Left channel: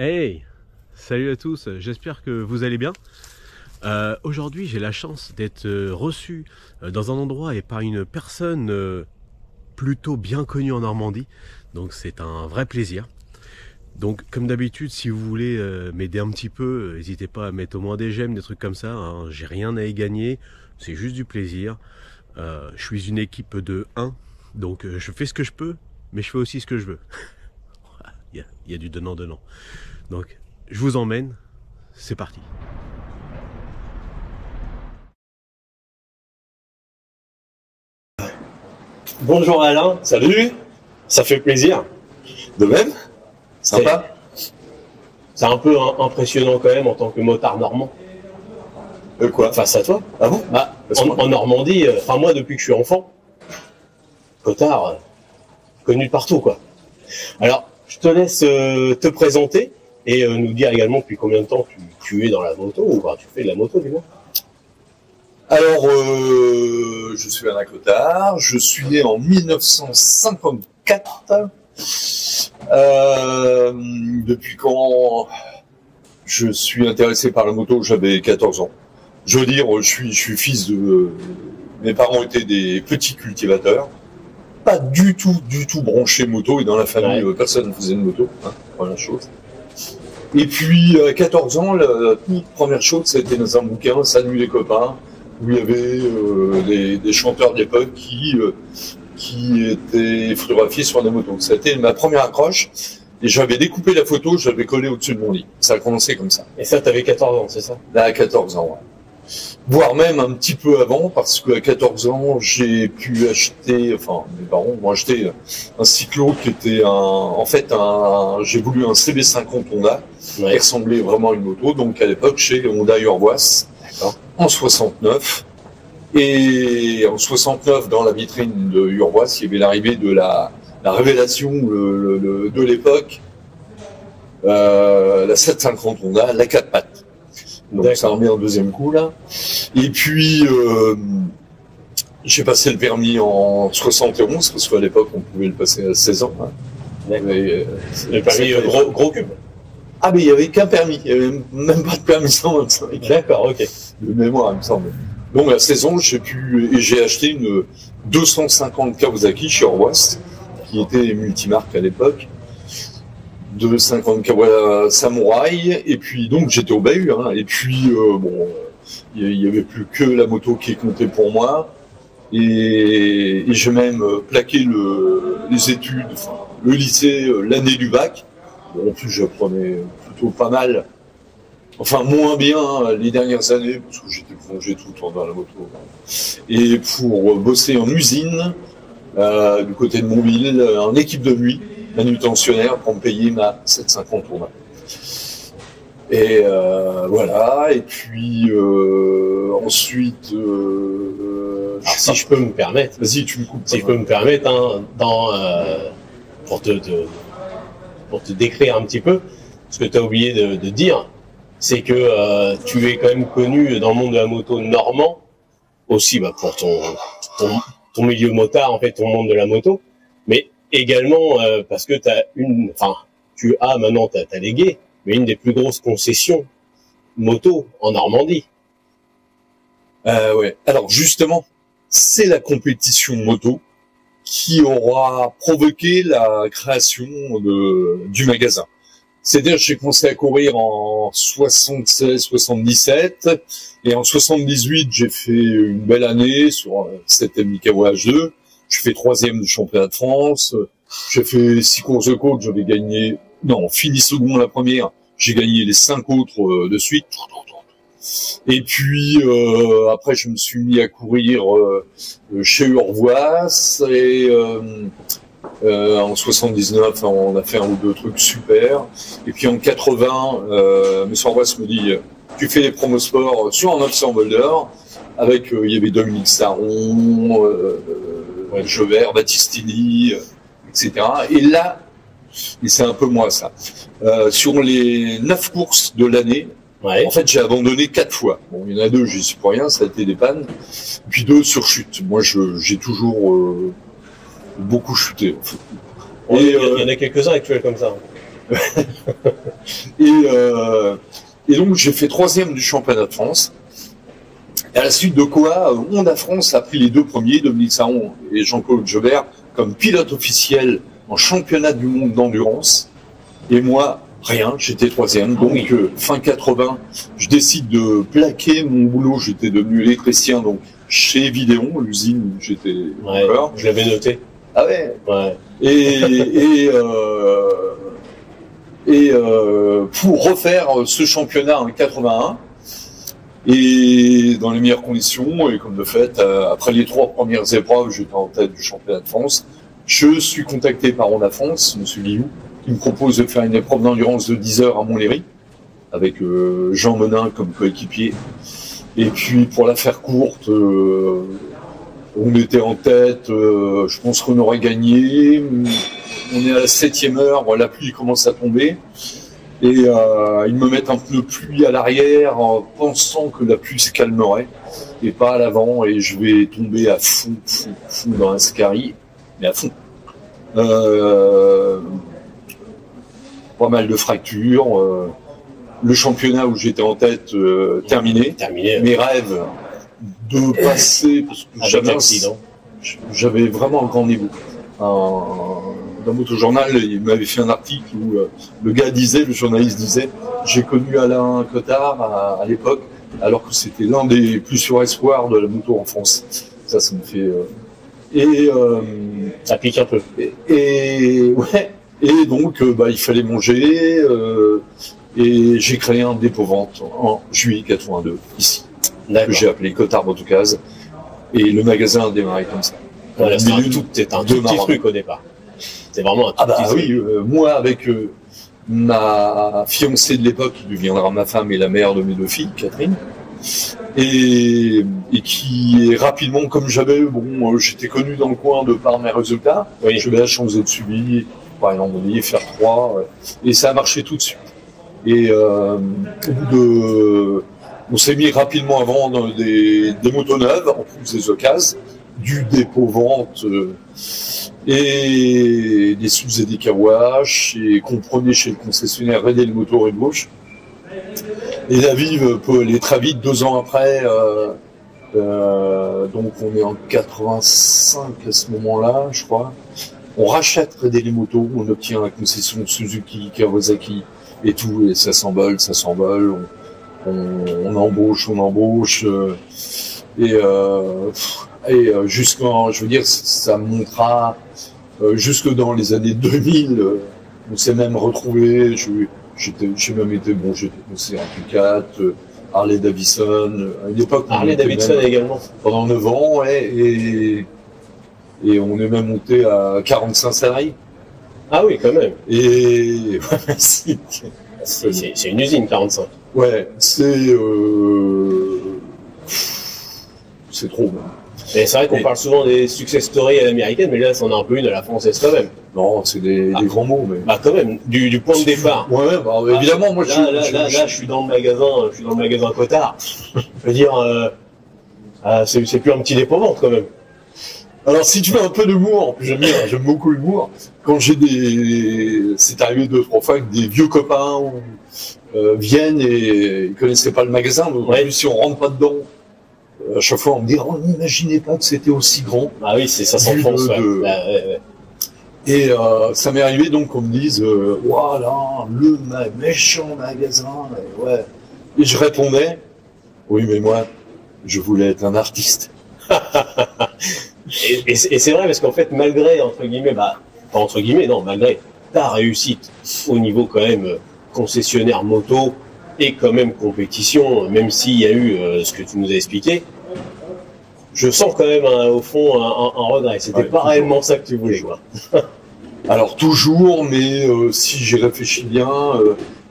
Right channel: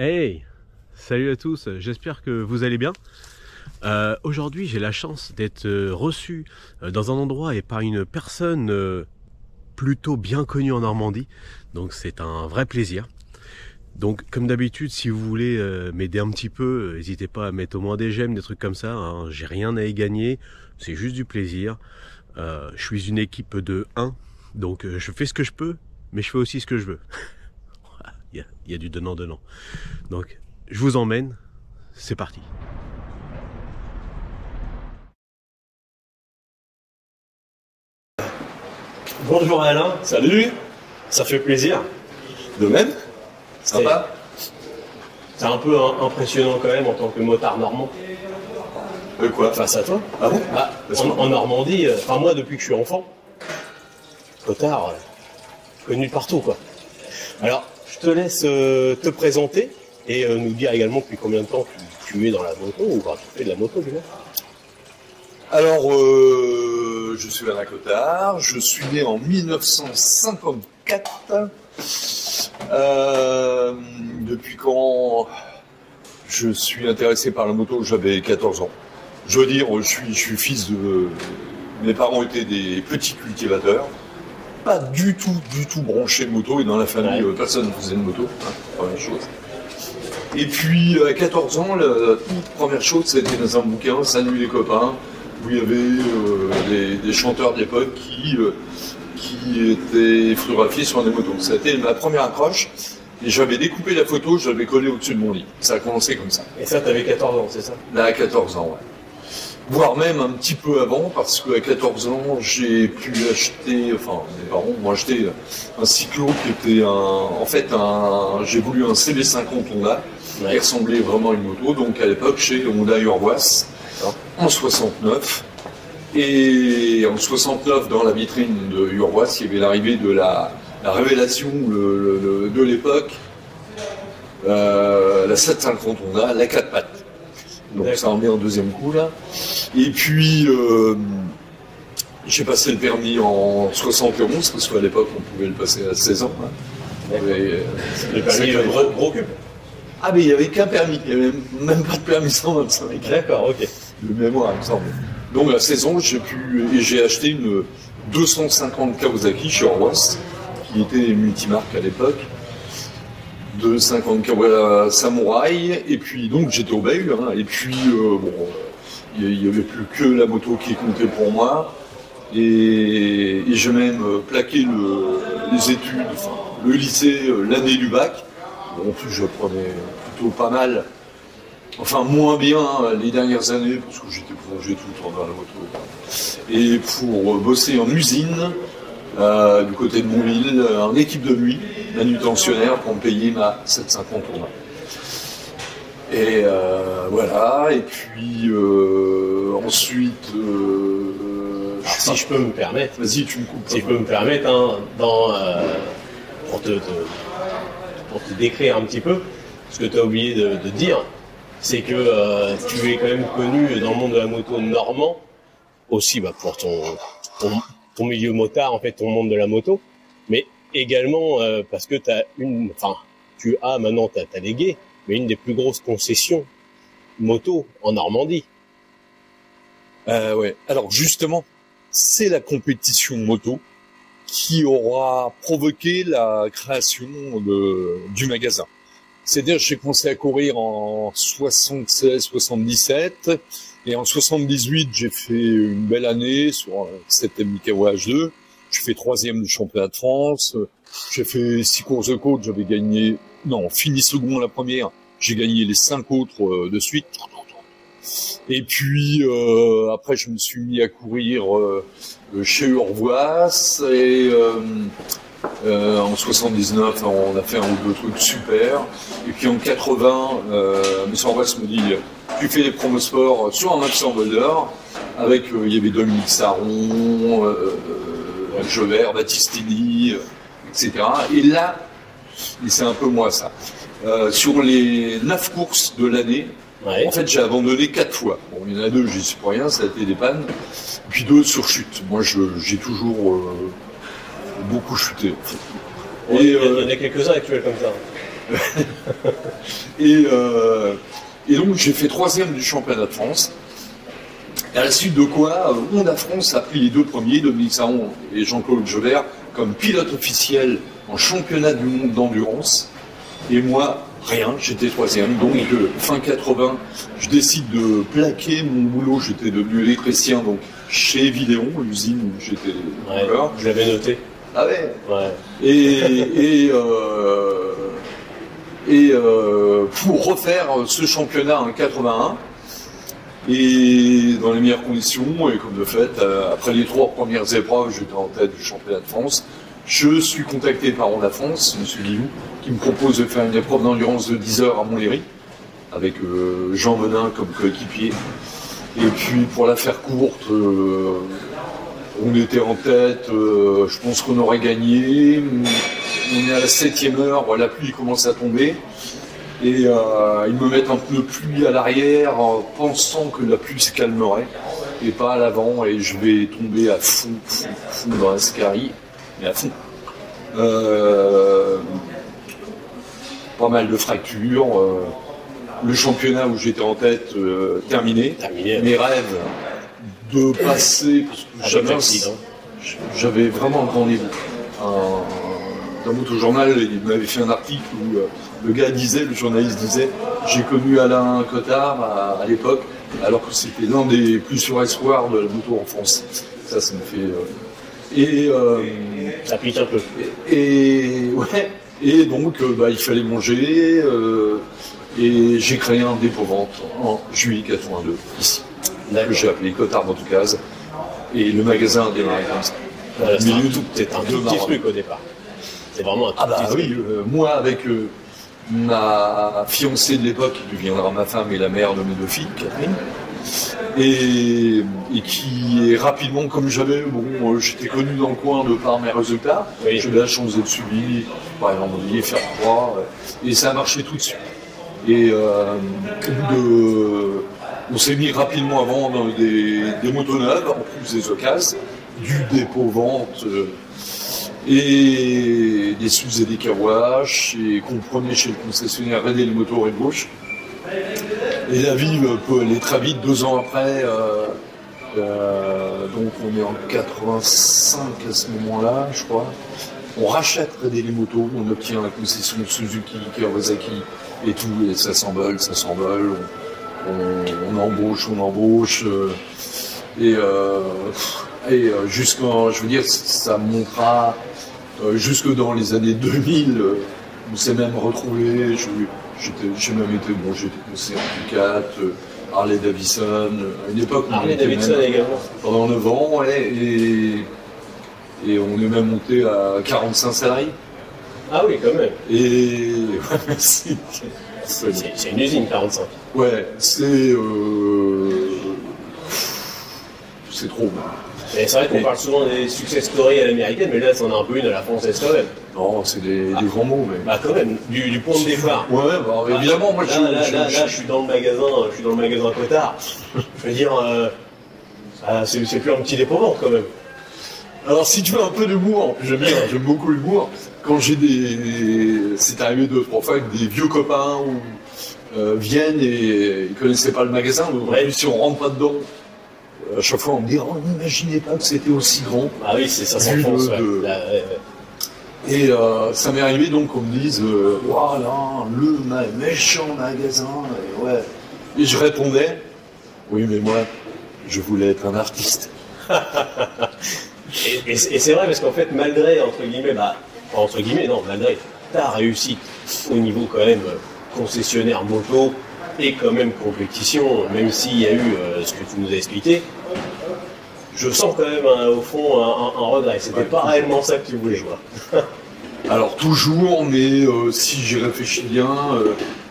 Hey, salut à tous, j'espère que vous allez bien. Aujourd'hui j'ai la chance d'être reçu dans un endroit et par une personne plutôt bien connue en Normandie, donc c'est un vrai plaisir. Donc comme d'habitude, si vous voulez m'aider un petit peu, n'hésitez pas à mettre au moins des j'aime, des trucs comme ça, hein. J'ai rien à y gagner, c'est juste du plaisir. Je suis une équipe de 1, donc je fais ce que je peux, mais je fais aussi ce que je veux. Il y a du donnant-donnant. Donc, je vous emmène, c'est parti. Bonjour Alain, Salut, ça fait plaisir. de même. Sympa. C'est un peu impressionnant quand même en tant que motard normand. Quoi? Face à toi. Ah bon? Bah, en Normandie, enfin moi depuis que je suis enfant, motard, connu de partout quoi. Alors, je te laisse te présenter et nous dire également depuis combien de temps tu es dans la moto ou bah, tu fais de la moto du coup. Alors, je suis Alain Cottard, je suis né en 1954. Depuis quand je suis intéressé par la moto, j'avais 14 ans. Je veux dire, je suis fils de... Mes parents étaient des petits cultivateurs, pas du tout branchés moto, et dans la famille, personne ne faisait de moto, hein, première chose. Et puis, à 14 ans, la toute première chose, c'était dans un bouquin, Salut les copains, où il y avait des chanteurs de l'époque qui étaient photographiés sur des motos. C'était ma première accroche, et j'avais découpé la photo, je l'avais collée au-dessus de mon lit. Ça a commencé comme ça. Et ça, t'avais 14 ans, c'est ça? Là, à 14 ans, ouais. Voire même un petit peu avant, parce qu'à 14 ans, j'ai pu acheter, enfin, mes parents m'ont acheté un cyclo qui était j'ai voulu un CB50 Honda, qui ressemblait vraiment à une moto, donc à l'époque, chez Honda Urvoas, en 69. Et en 69, dans la vitrine de Urvoas, il y avait l'arrivée de la révélation de l'époque, la 750 Honda, la 4 pattes. Donc ça remet un deuxième coup là. Et puis j'ai passé le permis en 71 parce qu'à l'époque on pouvait le passer à 16 ans. Hein. Le permis gros cube. Ah mais il n'y avait qu'un permis, il n'y avait même pas de permis 125. D'accord, ok. De mémoire il me semble. Donc à 16 ans j'ai acheté une 250 Kawasaki chez Urvoas, qui était multimarque à l'époque. De 50 Kawasaki Samurai, et puis donc j'étais au bahut, hein, et puis il y avait plus que la moto qui comptait pour moi, et j'ai même plaqué les études, enfin, le lycée, l'année du bac. Bon, en plus j'apprenais plutôt pas mal, enfin moins bien les dernières années, parce que j'étais plongé tout le temps dans la moto, et pour bosser en usine, du côté de Montville, en équipe de nuit, manutentionnaire pour me payer ma 750 Honda. Et voilà, et puis ensuite... Alors, si je peux me permettre... Vas-y, tu me coupes. Si je peux me permettre, hein, pour te décrire un petit peu, ce que tu as oublié de dire, c'est que tu es quand même connu dans le monde de la moto normand, aussi bah, pour ton milieu motard, en fait, ton monde de la moto, mais également parce que tu as maintenant, t'as légué, mais une des plus grosses concessions moto en Normandie. Ouais. Alors justement, c'est la compétition moto qui aura provoqué la création du magasin. C'est-à-dire que j'ai commencé à courir en 76-77, et en 78, j'ai fait une belle année sur 7 MIKAWA H2. J'ai fait 3e du championnat de France. J'ai fait 6 courses de côte, j'avais gagné... Non, fini second la première, j'ai gagné les 5 autres de suite. Et puis, après, je me suis mis à courir chez Urvoas, et... en 79, on a fait un ou deux trucs super. Et puis en 80, M. Urvoas me dit tu fais les promosports sur un 900 d'or avec il y avait Dominique Saron, Jevert, Battistini, etc. Et là, et c'est un peu moi ça, sur les 9 courses de l'année, en fait j'ai abandonné 4 fois. Bon, il y en a 2, j'y suis pour rien, ça a été des pannes. Et puis 2 sur chute. Moi j'ai toujours beaucoup chuté. En fait. Il y en a quelques-uns actuels comme ça. Et donc j'ai fait 3e du championnat de France. À la suite de quoi, Honda France a pris les 2 premiers, Dominique Saron et Jean-Claude Jobert, comme pilote officiel en championnat du monde d'endurance. Et moi, rien, j'étais 3e. Donc fin 80, je décide de plaquer mon boulot. J'étais devenu électricien donc chez Vidéon, l'usine où j'étais. Ouais, je l'avais noté. Ah ouais. Ouais. Pour refaire ce championnat en 81 et dans les meilleures conditions, et comme de fait, après les 3 premières épreuves, j'étais en tête du championnat de France. Je suis contacté par Honda France, M. Guillou, qui me propose de faire une épreuve d'endurance de 10 heures à Montlhéry, avec Jean Menin comme coéquipier. Et puis, pour la faire courte, on était en tête, je pense qu'on aurait gagné. On est à la 7e heure, la pluie commence à tomber. Et ils me mettent un peu de pluie à l'arrière, pensant que la pluie se calmerait, et pas à l'avant, et je vais tomber à fond dans la Scari, mais à fond. Pas mal de fractures. Le championnat où j'étais en tête terminé. Mes rêves de passer, parce que j'avais vraiment un grand niveau. Dans Motojournal, il m'avait fait un article où le gars disait, le journaliste disait, j'ai connu Alain Cottard à l'époque, alors que c'était l'un des plus sûrs espoirs de la moto en France. Ça me fait... ça pique un peu. Et donc, il fallait manger, et j'ai créé un dépôt-vente en juillet 82, ici, que j'ai appelé Cottard Motocase, et le magasin a démarré comme ça. Voilà, c'est un tout petit truc au départ. C'est vraiment un tout petit truc. Oui, moi avec ma fiancée de l'époque, qui deviendra ma femme et la mère de mes 2 filles, Catherine, et qui est rapidement, comme j'avais, j'étais connu dans le coin de par mes résultats, j'avais la chance d'être suivi par un envoyé, faire 3, et ça a marché tout de suite. Et on s'est mis rapidement à vendre des motos neuves, en plus des occasions, du dépôt-vente, et des sous et des kawash, et qu'on prenait chez le concessionnaire Red le Moto Red Gauche. Et la vie peut aller très vite, 2 ans après, donc on est en 85 à ce moment-là, je crois. On rachète Red les Moto, on obtient la concession Suzuki, Kawasaki et tout, et ça s'envole, on embauche, et jusqu'en, je veux dire, ça montera jusque dans les années 2000. On s'est même retrouvé. J'ai même été j'étais conseiller en Q4, Harley Davidson. À une époque, Harley Davidson également. Pendant 9 ans, et on est même monté à 45 salariés. Ah oui, quand même. Et c'est une usine 45. Ouais, c'est trop. Mais c'est vrai qu'on parle souvent des success stories à l'américaine, mais là, c'en a un peu une à la française quand même. Non, c'est des grands mots, mais... Bah quand même, du point de départ. Ouais, évidemment, moi je suis dans le magasin Cottard. Je veux dire, c'est plus un petit dépôt-vente quand même. Alors si tu veux un peu d'humour, j'aime beaucoup l'humour, quand c'est arrivé 2-3 fois que des vieux copains viennent et ils connaissaient pas le magasin, donc si on rentre pas dedans, à chaque fois on me dit « n'imaginez pas que c'était aussi grand ». Ah oui, ça s'enfonce, Et ça m'est arrivé donc qu'on me dise « voilà, le méchant magasin ». Et je répondais « oui, mais moi, je voulais être un artiste ». Et c'est vrai, parce qu'en fait, malgré, malgré ta réussite au niveau quand même concessionnaire moto et quand même compétition, même s'il y a eu ce que tu nous as expliqué, je sens quand même au fond un regret. C'était pas réellement ça que tu voulais, quoi. Alors toujours, mais si j'ai réfléchi bien,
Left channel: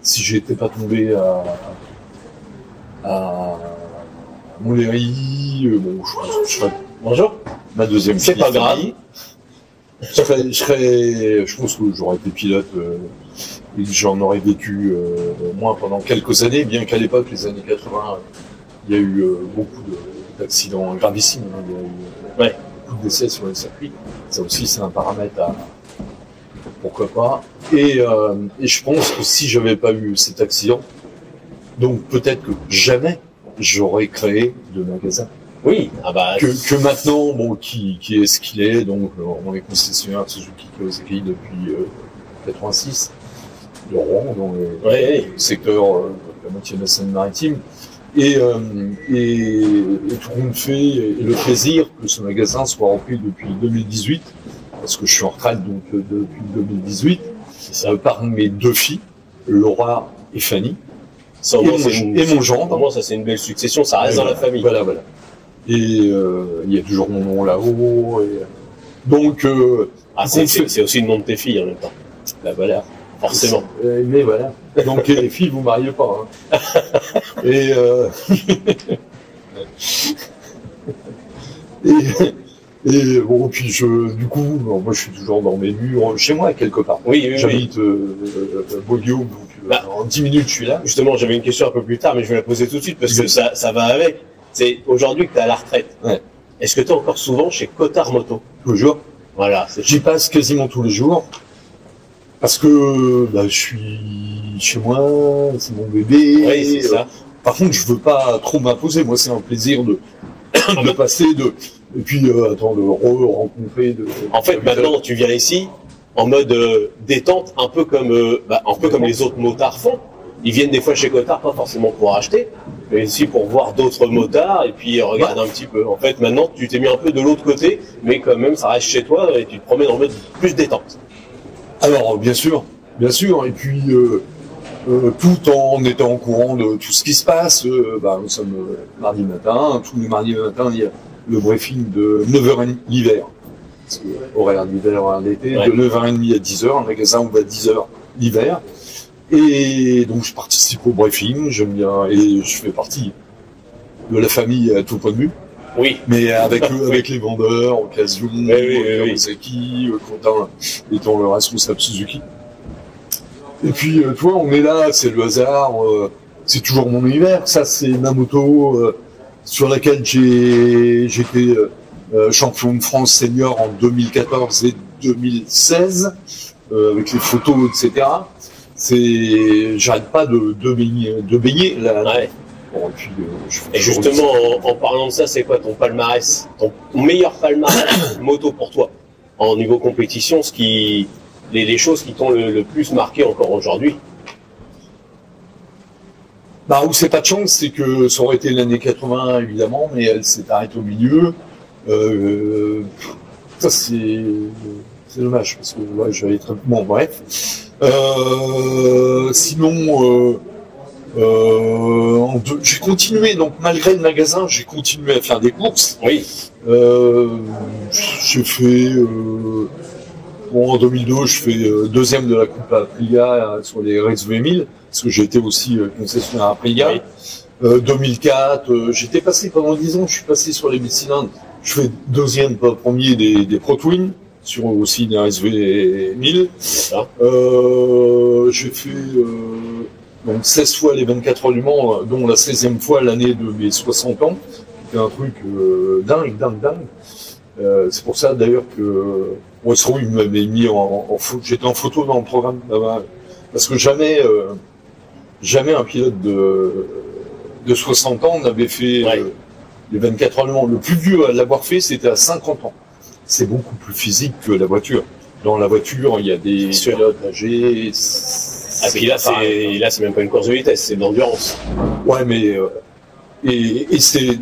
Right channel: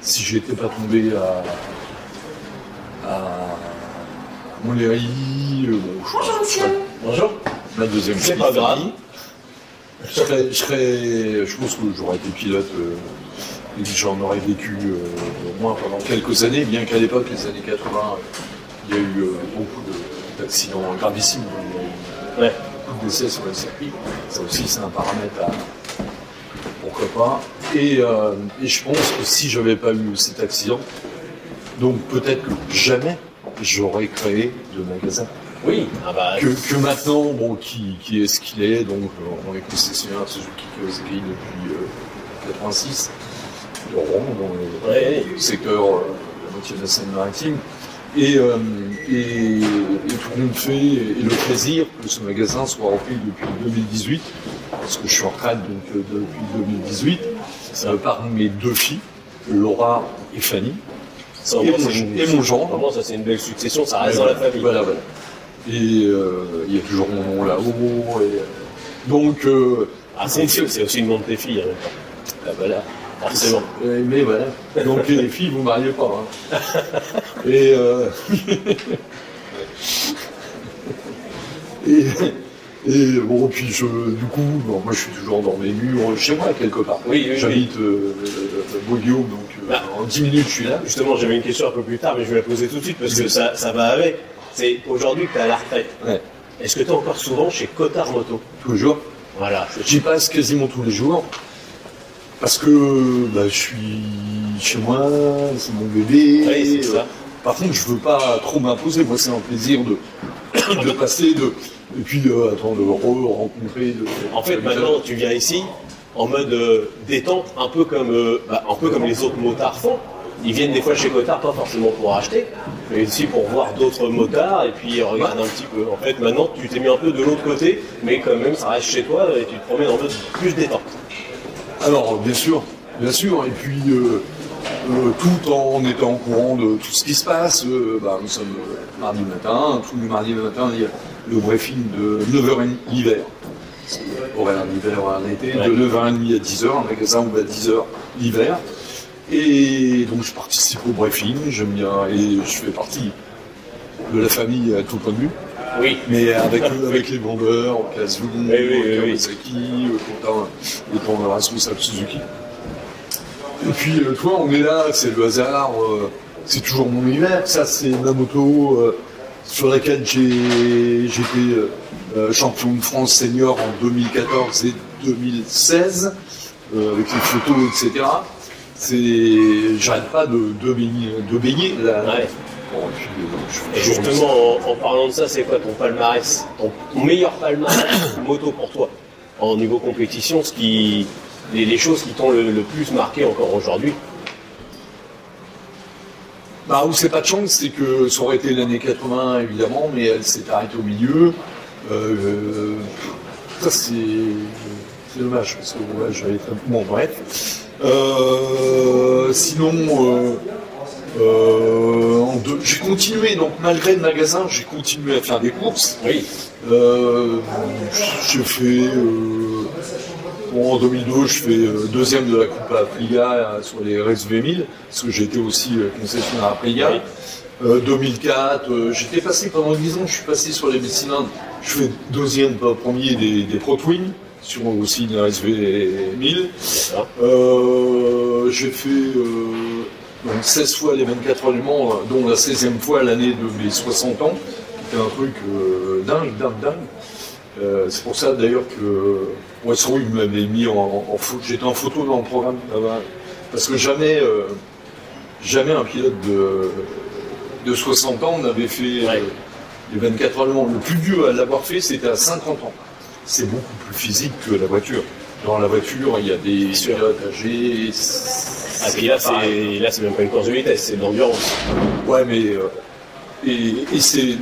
si j'étais pas tombé à Montlhéry, je serais... Bonjour. Ma deuxième fille. C'est pas grave. Je pense que j'aurais été pilote et que j'en aurais vécu au moins pendant quelques années, bien qu'à l'époque, les années 80, il y a eu beaucoup d'accidents gravissimes. Il y a eu beaucoup de décès sur le circuit. Ça aussi, c'est un paramètre pourquoi pas. Et je pense que si j'avais pas eu cet accident, donc peut-être que jamais j'aurais créé de magasin. Oui, ah bah, Que maintenant, bon, qui est ce qu'il est, donc on est concessionnaire Suzuki Kawasaki depuis 86, de Rouen, dans le secteur la moitié de la Seine-Maritime. Et tout le monde fait, et le plaisir que ce magasin soit repris depuis 2018, parce que je suis en retraite donc depuis 2018, par mes deux filles, Laura et Fanny, et mon gendre. Vraiment, ça c'est une belle succession, ça reste dans la famille. Voilà. Et il y a toujours mon nom là-haut. Donc, c'est aussi le nom de tes filles en même temps. Bah, voilà. Forcément. Mais voilà. Donc les filles, vous mariez pas. Hein. Et bon, puis du coup, bon, moi je suis toujours dans mes murs, chez moi quelque part. Oui. J'habite Beauguillaume, donc en 10 minutes je suis là. Justement, j'avais une question un peu plus tard, mais je vais la poser tout de suite parce que ça va avec. C'est aujourd'hui que tu es à la retraite. Ouais. Est-ce que tu es encore souvent chez Cotard Moto? Tous les jours. Voilà. J'y passe quasiment tous les jours. Parce que je suis chez moi, c'est mon bébé. Oui, c'est ça. Par contre, je veux pas trop m'imposer. Moi, c'est un plaisir de passer, et puis de rencontrer. En fait, maintenant, tu viens ici en mode détente, un peu comme les autres motards font. Ils viennent des fois chez Cotard, pas forcément pour acheter, mais aussi pour voir d'autres motards et puis regarder un petit peu. En fait, maintenant, tu t'es mis un peu de l'autre côté, mais quand même, ça reste chez toi et tu te promènes en mode plus détente. Alors, bien sûr, et puis tout en étant au courant de tout ce qui se passe, nous sommes mardi matin, tous les mardis matin, il y a le briefing de 9h30 l'hiver, parce que horaire d'hiver à l'été, de 9h30 à 10h, le magasin ouvre à 10h l'hiver, et donc je participe au briefing, j'aime bien, et je fais partie de la famille à tout point de vue. Oui. Mais avec les vendeurs, Occasion, Kawasaki, Quentin étant le responsable Suzuki. Et puis, toi, on est là, c'est le hasard, c'est toujours mon univers. Ça, c'est ma moto sur laquelle j'étais champion de France senior en 2014 et 2016, avec les photos, etc. J'arrête pas de baigner là. Ouais. Bon, et justement, en parlant de ça, c'est quoi ton palmarès, ton meilleur palmarès moto pour toi en niveau compétition, les choses qui t'ont le plus marqué encore aujourd'hui? Où c'est pas de chance, c'est que ça aurait été l'année 80 évidemment, mais elle s'est arrêtée au milieu. Ça c'est dommage parce que j'avais très bon bref. Sinon. J'ai continué, donc malgré le magasin, j'ai continué à faire des courses. Oui. J'ai fait, en 2002, je fais deuxième de la Coupe à Aprilia sur les Race V1000, parce que j'ai été aussi concessionnaire à Aprilia. Oui. 2004, j'étais passé pendant 10 ans, je suis passé sur les 1000 cylindres. Je fais deuxième, pas premier des Pro Twin, sur aussi les Race V1000. J'ai fait... donc 16 fois les 24 heures du Mans, dont la 16e fois l'année de mes 60 ans. C'était un truc dingue. C'est pour ça d'ailleurs que Westro il m'avait mis en photo. J'étais en photo dans le programme là-bas. Parce que jamais un pilote de 60 ans n'avait fait les 24 heures du Mans. Le plus vieux à l'avoir fait, c'était à 50 ans. C'est beaucoup plus physique que la voiture. Dans la voiture, il y a des pilotes âgés. Et puis là, c'est même pas une course de vitesse, c'est de l'endurance. Ouais, mais c'est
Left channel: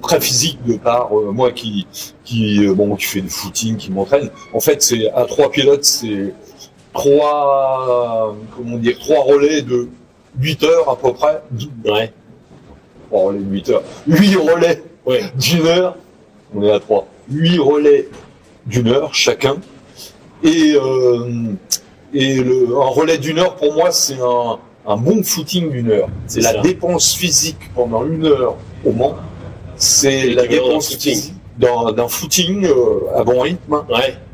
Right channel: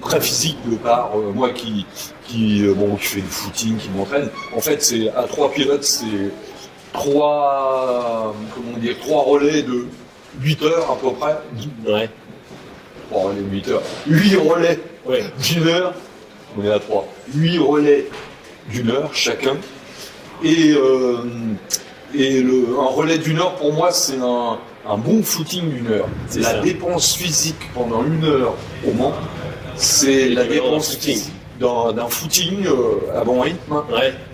très physique de par moi qui fait du footing, qui m'entraîne. En fait, c'est à 3 pilotes, c'est 3 relais de 8 heures à peu près. Ouais. 3 relais de 8 heures. 8 relais d'une heure. On est à 3. 8 relais d'une heure chacun. Et un relais d'une heure, pour moi, c'est un bon footing d'une heure. C'est la dépense physique pendant une heure au Mans. C'est la dépense physique d'un footing à bon rythme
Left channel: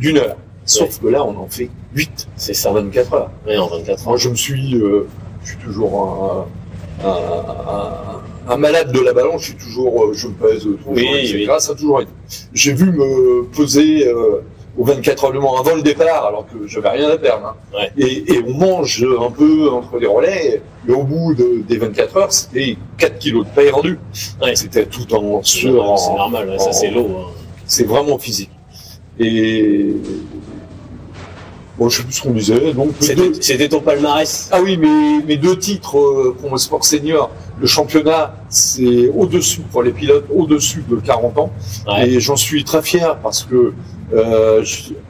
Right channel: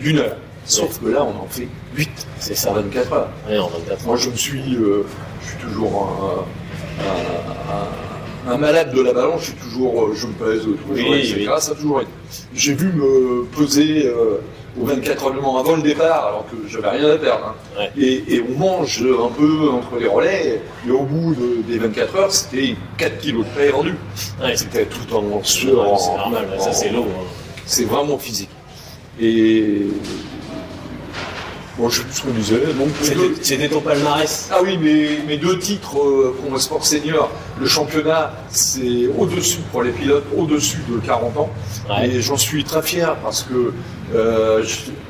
d'une heure. Sauf que là, on en fait 8. C'est ça. En 24 heures. Oui, en 24 heures. Moi, je suis toujours un malade de la balance. Je me pèse tous les jours, etc. Ça a toujours été. J'ai vu me peser aux 24 heures de Mans avant le départ, alors que j'avais rien à perdre. Hein. Ouais. Et on mange un peu entre les relais, et au bout des 24 heures, c'était 4 kilos de paille rendu. Ouais. C'était tout en sueur. C'est normal, ouais, ça c'est l'eau. Hein. C'est vraiment physique. Et bon, je sais plus ce qu'on disait. Donc C'était ton palmarès. ah oui, mes 2 titres pour mon sport senior, le championnat, c'est au-dessus pour les pilotes, au-dessus de 40 ans. Ouais. Et j'en suis très fier parce que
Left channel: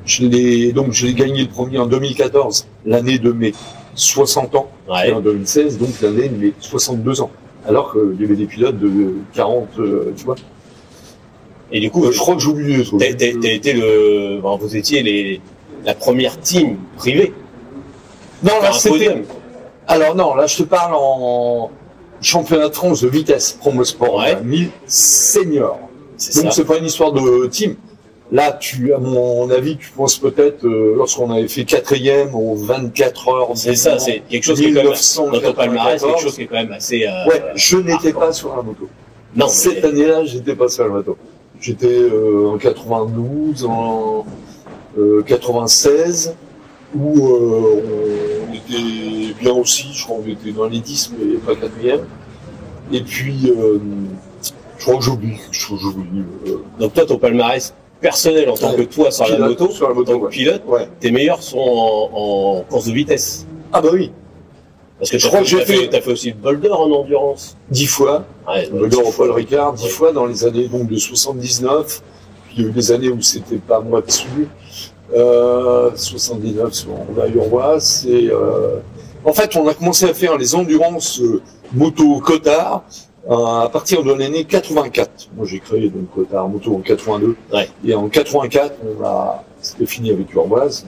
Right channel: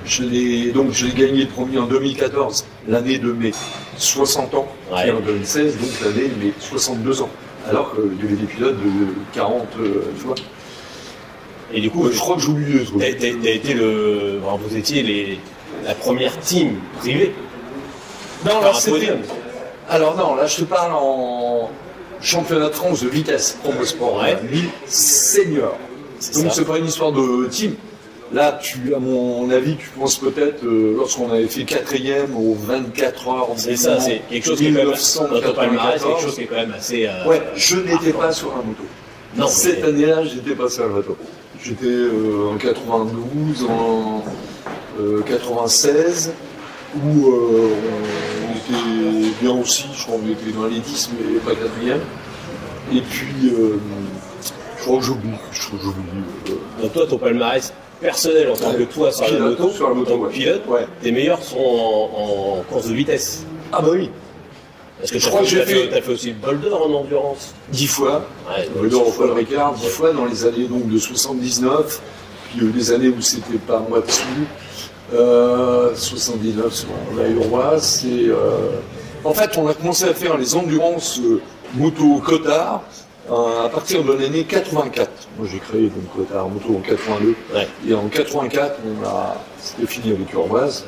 je l'ai gagné le premier en 2014, l'année de mes 60 ans, Ouais. et en 2016, donc l'année de mes 62 ans. Alors qu'il y avait des pilotes de 40, tu vois. Et du coup, Je crois que j'ai oublié. t'as été vous étiez la première team privée. Non, là, Faire un podium. Alors non, là je te parle en championnat de France de vitesse Promosport, Ouais. 1000 seniors. C'est Donc ça. c'est pas une histoire de team. Là, à mon avis, tu penses peut-être lorsqu'on avait fait 4e aux 24 heures. C'est ça, c'est quelque chose qui est quand même, dans ton palmarès, quelque chose qui est quand même assez... Ouais, je n'étais pas sur la moto. Non, Cette mais- année-là, j'étais pas sur la moto. J'étais en 92, en 96, où on était bien aussi, je crois qu'on était dans les 10, mais pas 4e. Et puis, je crois que j'oublie. Donc toi, ton palmarès personnel en tant que toi sur la moto, sur la moto, en tant que ouais. pilote, Ouais. tes meilleurs sont en course de vitesse. Ah bah oui, Parce que Je crois que j'ai t'as fait aussi le boulder en endurance. 10 fois. Ouais, Le donc, Paul Ricard, 10 fois dans les années donc, de 79, puis il y a eu des années où c'était pas moi dessus. 79 sur la Urboise. En fait, on a commencé à faire les endurances moto Cotard à partir de l'année 84. Moi, j'ai créé donc Cotard moto en 82. Ouais. Et en 84, c'était fini avec Urboise.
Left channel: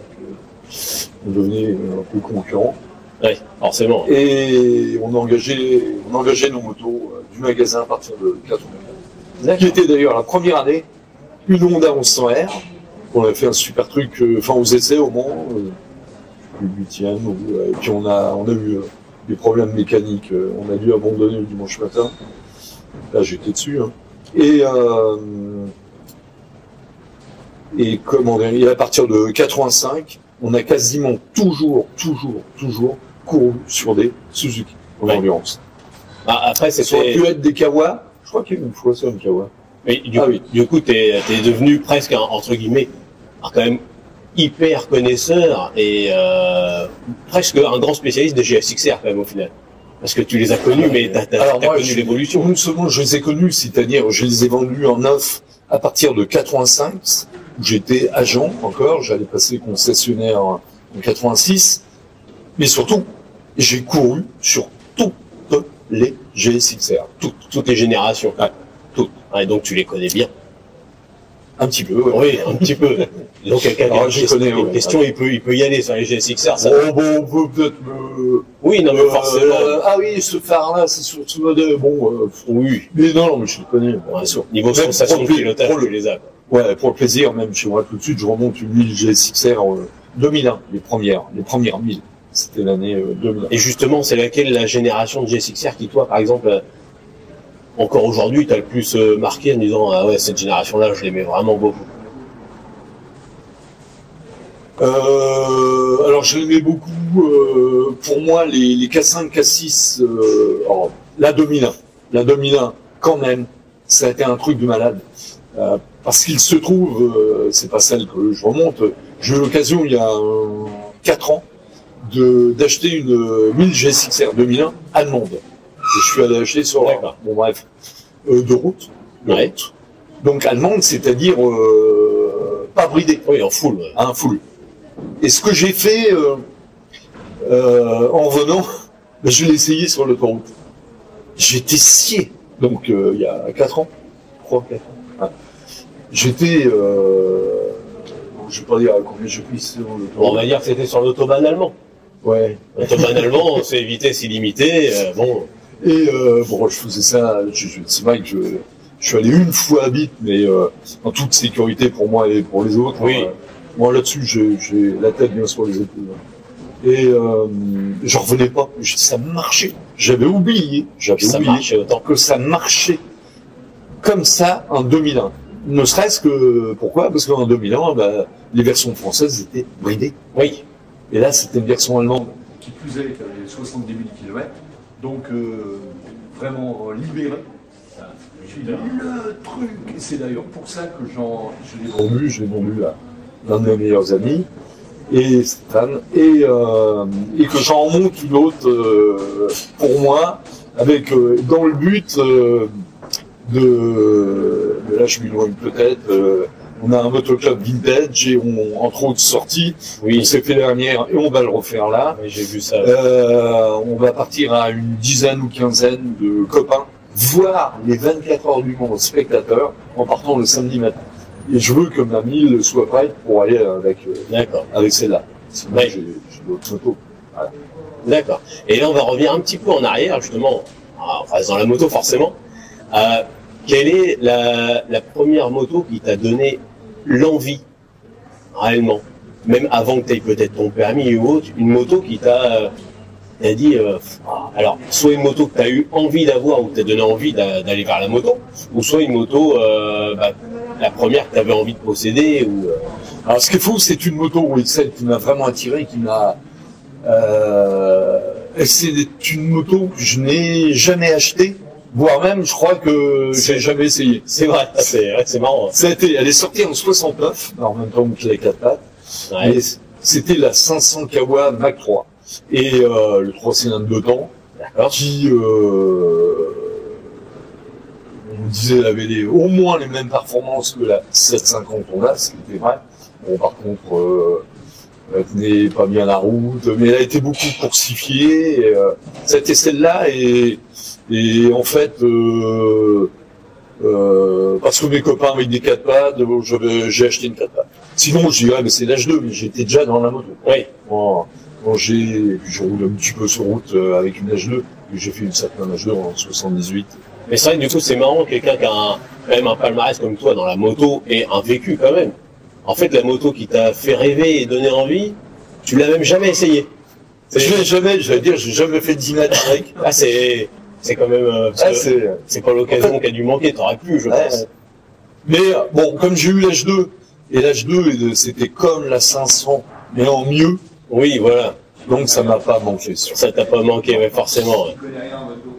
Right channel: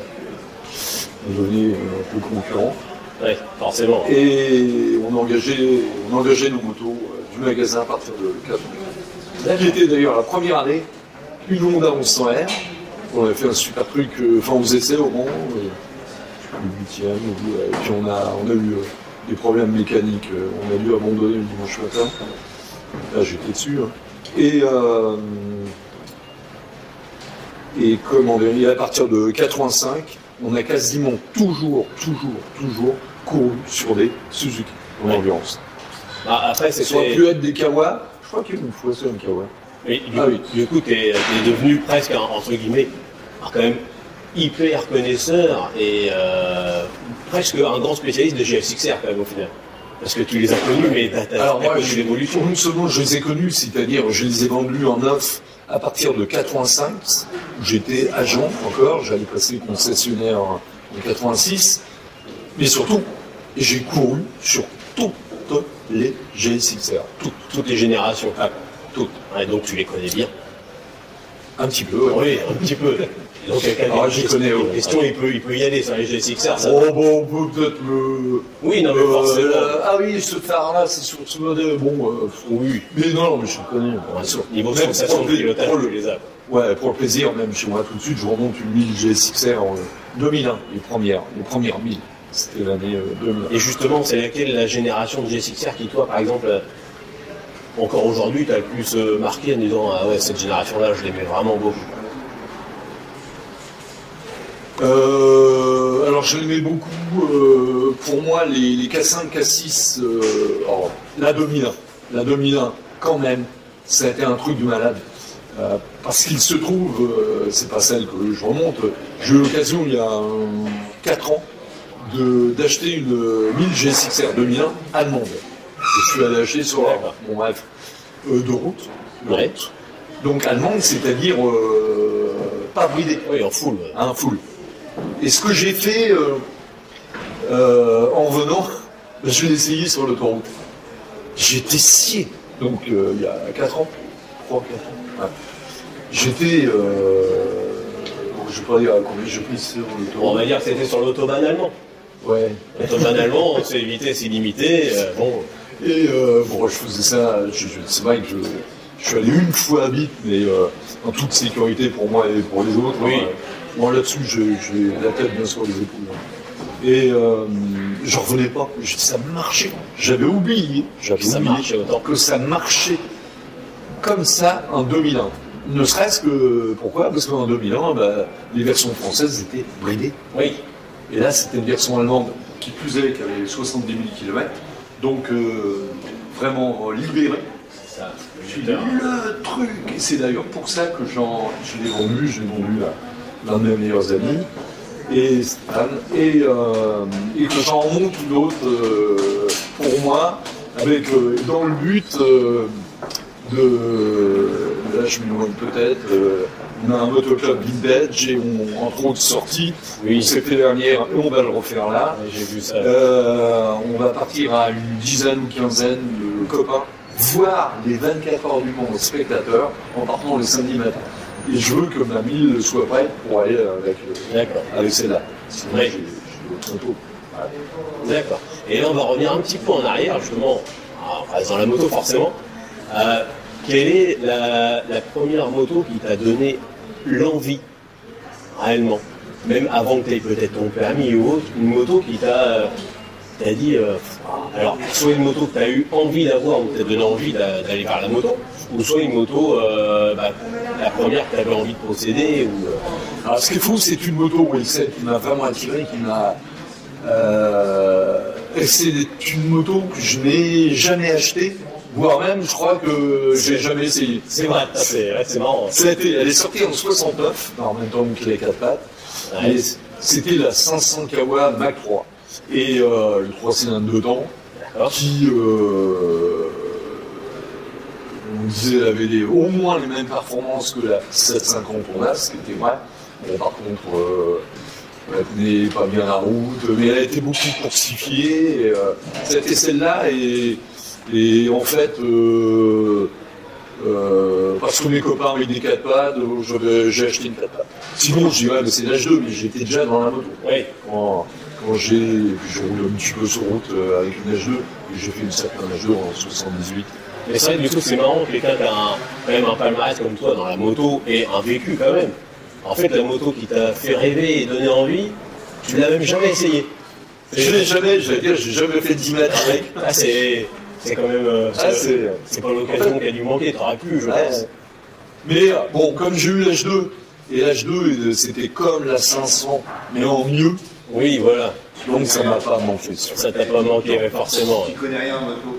On devenait un peu concurrent. Ouais, forcément. Et on engageait nos motos du magasin à partir de 84. Qui était d'ailleurs la première année, une Honda 1100R. On avait fait un super truc, aux essais au Mans, le 8e, et puis on a eu des problèmes mécaniques, on a dû abandonner le dimanche matin. Là j'étais dessus. Hein. Et comment dire, et à partir de 85, on a quasiment toujours couru sur des Suzuki en Ouais. endurance. Bah, après, Ça aurait c'était... pu être des Kawa, je crois qu'il y a une fois c'est un Kawa. Mais Ah oui. du coup, t'es devenu presque, entre guillemets, quand même hyper connaisseur et presque un grand spécialiste de GSXR quand même au final. Parce que tu les as connus, mais t'as Alors moi, connu l'évolution. non seulement je les ai connus, c'est-à-dire je les ai vendus en neuf à partir de 85, où j'étais agent encore, j'allais passer concessionnaire en 86, mais surtout, j'ai couru sur toutes les GSXR, Toutes les générations. Ouais, toutes. Ouais, donc tu les connais bien. Un petit peu, ouais. Oui, un petit peu. Donc quelqu'un qui a Alors, une je question, connais, ouais. une question, il peut y aller sur les GSXR. Ça... Bon, on peut peut-être le... Oui, non, mais forcément. ah oui, ce phare-là, c'est sur ce modèle, bon... Oui. mais non, mais je le connais. Ouais, bien sûr. niveau Même sensation pour de le- pilotage, pour le- tu les as. Ouais, pour le plaisir, même chez moi tout de suite, je remonte une 1000 GSXR en 2001, les premières 1000. C'était l'année 2001. Et justement, c'est laquelle la génération de GSXR qui, toi, par exemple, encore aujourd'hui, t'as le plus marqué en disant ah ouais, cette génération-là, je l'aimais vraiment beaucoup. Alors je l'aimais beaucoup. Pour moi, les K5, K6, alors, la 2001, quand même, ça a été un truc de malade. Parce qu'il se trouve, c'est pas celle que je remonte, j'ai eu l'occasion il y a 4 ans d'acheter une 1000 GSXR 2001 allemande. Et je suis allé acheter sur la, D'accord. bon bref, de route. Ouais. Donc allemande, c'est-à-dire pas bridée, Oui, en full. Ouais. un full. Et ce que j'ai fait en venant, je l'ai essayé sur l'autoroute. J'étais scié. Donc il y a 4 ans, 3-4 ans. Ouais. J'étais, je vais pas dire à combien j'ai pris sur On l'autoroute. va dire que c'était sur l'autobahn allemand. Ouais. L'autobahn allemand, c'est vitesse illimitée. Bon, Et bon, je faisais ça. C'est vrai que je suis allé une fois à Bite, mais en toute sécurité pour moi et pour les autres. Oui. Moi là-dessus, j'ai la tête bien sur les épaules. Et j'en revenais pas. Ça marchait. J'avais oublié ça marchait autant. que ça marchait comme ça en 2001. Ne serait-ce que, pourquoi? Parce qu'en 2001, les versions françaises étaient bridées. Oui. Et là, c'était une version allemande. Qui plus est, qui avait 70 000 km, donc vraiment libéré. C'est ça. Puis le truc, et c'est d'ailleurs pour ça que je l'ai vendu à l'un de mes meilleurs amis, Et Stéphane, et que j'en monte une autre pour moi, avec dans le but là je m'éloigne peut-être, on a un motoclub vintage et entre autres sorties, Oui. on s'est fait dernière et on va le refaire là. Oui, j'ai vu ça. On va partir à une dizaine ou quinzaine de copains, voir les 24 heures du monde spectateurs en partant le samedi matin. Et je veux que ma mille soit prête pour aller D'accord. avec celle-là. Sinon, Ouais. j'ai d'autres photos. D'accord. Et là, on va revenir un petit peu en arrière, justement. On reste dans la moto, forcément. Quelle est la première moto qui t'a donné l'envie, réellement, même avant que tu aies peut-être ton permis ou autre, une moto qui t'a dit, alors, soit une moto que tu as eu envie d'avoir ou que t'a donné envie d'aller vers la moto, ou soit une moto, la première que tu avais envie de posséder, ou... Alors, ce qu'il faut, c'est une moto celle qui m'a vraiment attiré, qui m'a... c'est une moto que je n'ai jamais achetée, voire même, je crois que j'ai jamais essayé. C'est vrai, c'est marrant. Elle est sortie en 69, en même temps que les 4 pattes. Ouais. Et c'était la 500 Kawa Mac 3. Et le 3 cylindres de temps, D'accord. qui, on disait, elle avait au moins les mêmes performances que la 750 Honda, ce qui était vrai. Bon, par contre, elle tenait pas bien la route, mais elle a été beaucoup coursifiée. C'était celle-là, et en fait, parce que mes copains avaient des 4 pattes, j'ai acheté une 4 pattes. Sinon, je dis, ouais, mais c'est l'âge 2, mais j'étais déjà dans la moto. Oui. Quand je roule un petit peu sur route avec une H2, et j'ai fait une certaine H2 en 78. Mais c'est vrai que du coup, c'est marrant, quelqu'un qui a quand même un palmarès comme toi dans la moto et un vécu quand même. En fait, la moto qui t'a fait rêver et donné envie, tu l'as même jamais essayé. Je l'ai jamais, j'ai jamais fait 10 mètres avec. Ah, c'est quand même... c'est pas l'occasion qui a dû manquer, t'aurais pu, je pense. Mais bon, comme j'ai eu l'H2, et l'H2 c'était comme la 500, mais en mieux, Oui, voilà. donc ça m'a pas manqué. Ça t'a pas manqué, mais forcément. Je connais rien en moto.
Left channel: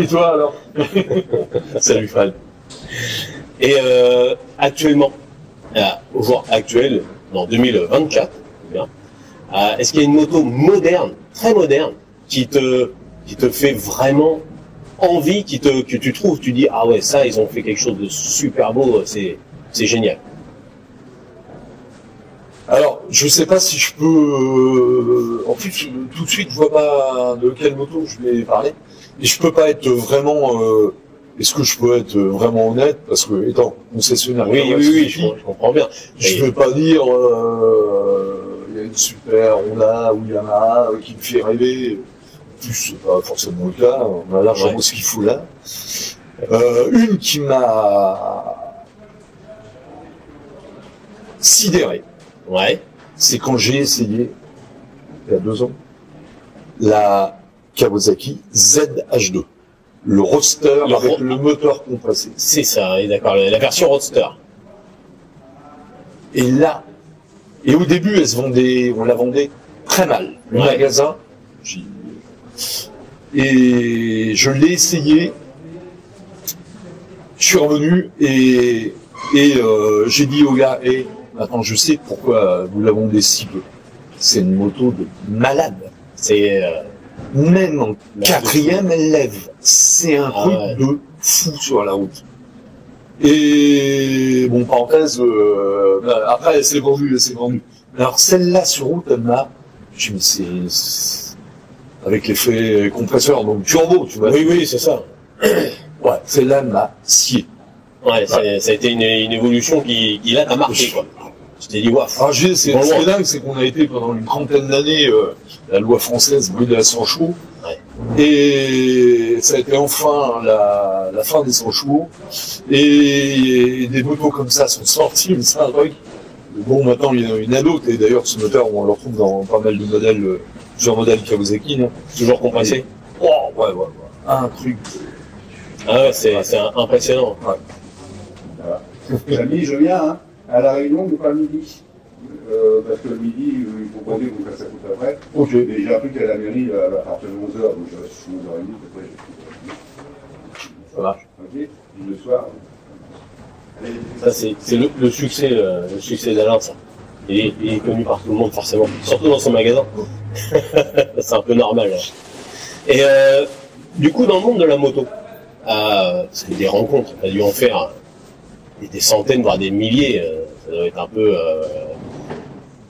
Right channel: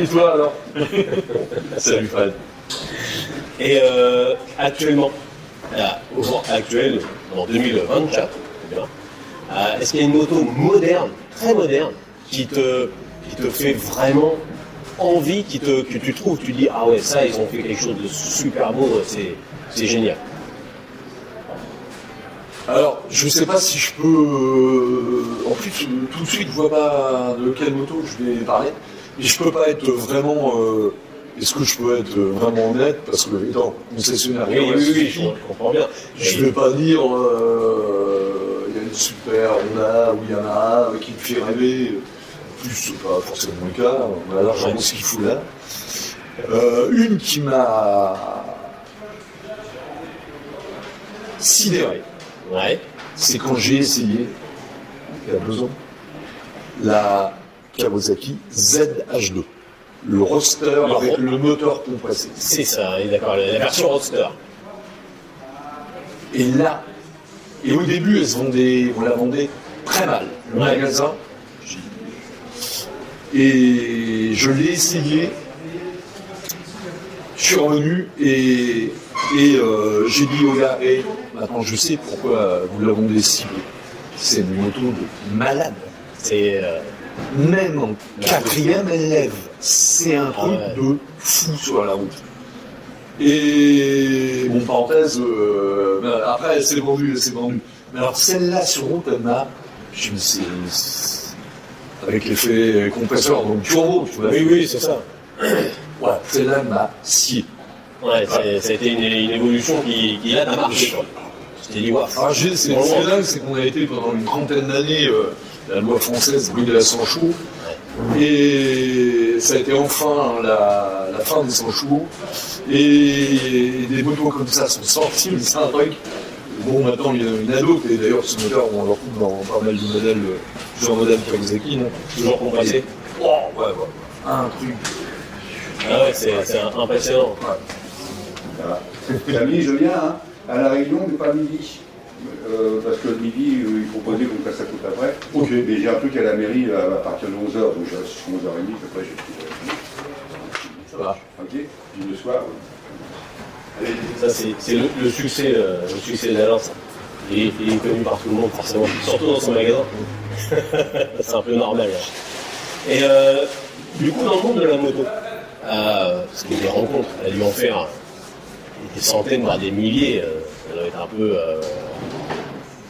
Et toi alors? Salut Fred. Et actuellement, au jour actuel, en 2024, est-ce qu'il y a une moto moderne, très moderne, qui te fait vraiment envie, que tu trouves, tu dis, ah ouais, ça, ils ont fait quelque chose de super beau, c'est génial. Alors, je sais pas si je peux... En plus, tout de suite, je vois pas de quelle moto je vais parler. Mais je peux pas être vraiment... Est-ce que je peux être vraiment honnête? Parce que, étant concessionnaire... Oui, je comprends bien. Je vais pas dire... Il y a une super Honda ou Yamaha qui me fait rêver. En plus, c'est pas forcément le cas. On a largement ce qu'il faut là. Une qui m'a sidéré. Ouais. C'est quand j'ai essayé, il y a 2 ans, la Kawasaki ZH2. Le roadster avec le moteur compressé. C'est ça, oui, d'accord, la version roadster. Et là, et au début, on la vendait très mal. Le magasin, et je l'ai essayé, je suis revenu et j'ai dit au gars, maintenant je sais pourquoi vous la vendez si peu. C'est une moto de malade. C'est Même en 4e, elle lève. C'est un truc de fou sur la route. Et bon, parenthèse, après elle s'est vendue. Mais alors celle-là sur route, elle m'a... Je me suis... Avec l'effet compresseur, donc turbo, tu vois. Oui, c'est ça. Ouais, celle-là, elle m'a scié. Ouais, ça a été une évolution qui là t'a marqué, quoi. Je t'ai dit, waouh. Alors, c'est dingue, c'est qu'on a été pendant une trentaine d'années, la loi française brûlait à sang chaud. Ouais. Et ça a été enfin la fin des sang chauds. Et des motos comme ça sont sorties, mais c'est un truc. Bon, maintenant, il y en a une à d'autres, et d'ailleurs, ce moteur, on le retrouve dans pas mal de modèles, plusieurs modèles Kawasaki, non? Toujours compressé. Oh, ouais. Un truc. Ah ouais, c'est impressionnant. Ouais. Voilà. Samedi, je viens hein, à la réunion du pas midi. Parce que le midi, il faut poser donc ça coûte après. Ok. Et j'ai un truc à la mairie à partir de 11h, donc je reste jusqu'à 11h30, après j'ai pris. Ça marche. Ok. Puis le soir. Allez. Ça, c'est le succès d'Alain, ça. Il est connu par tout le monde, forcément. Surtout dans son magasin. C'est un peu normal. Hein. Et du coup, dans le monde de la moto, parce que des rencontres, elle a dû en faire des centaines, voire des milliers. Ça doit être un peu...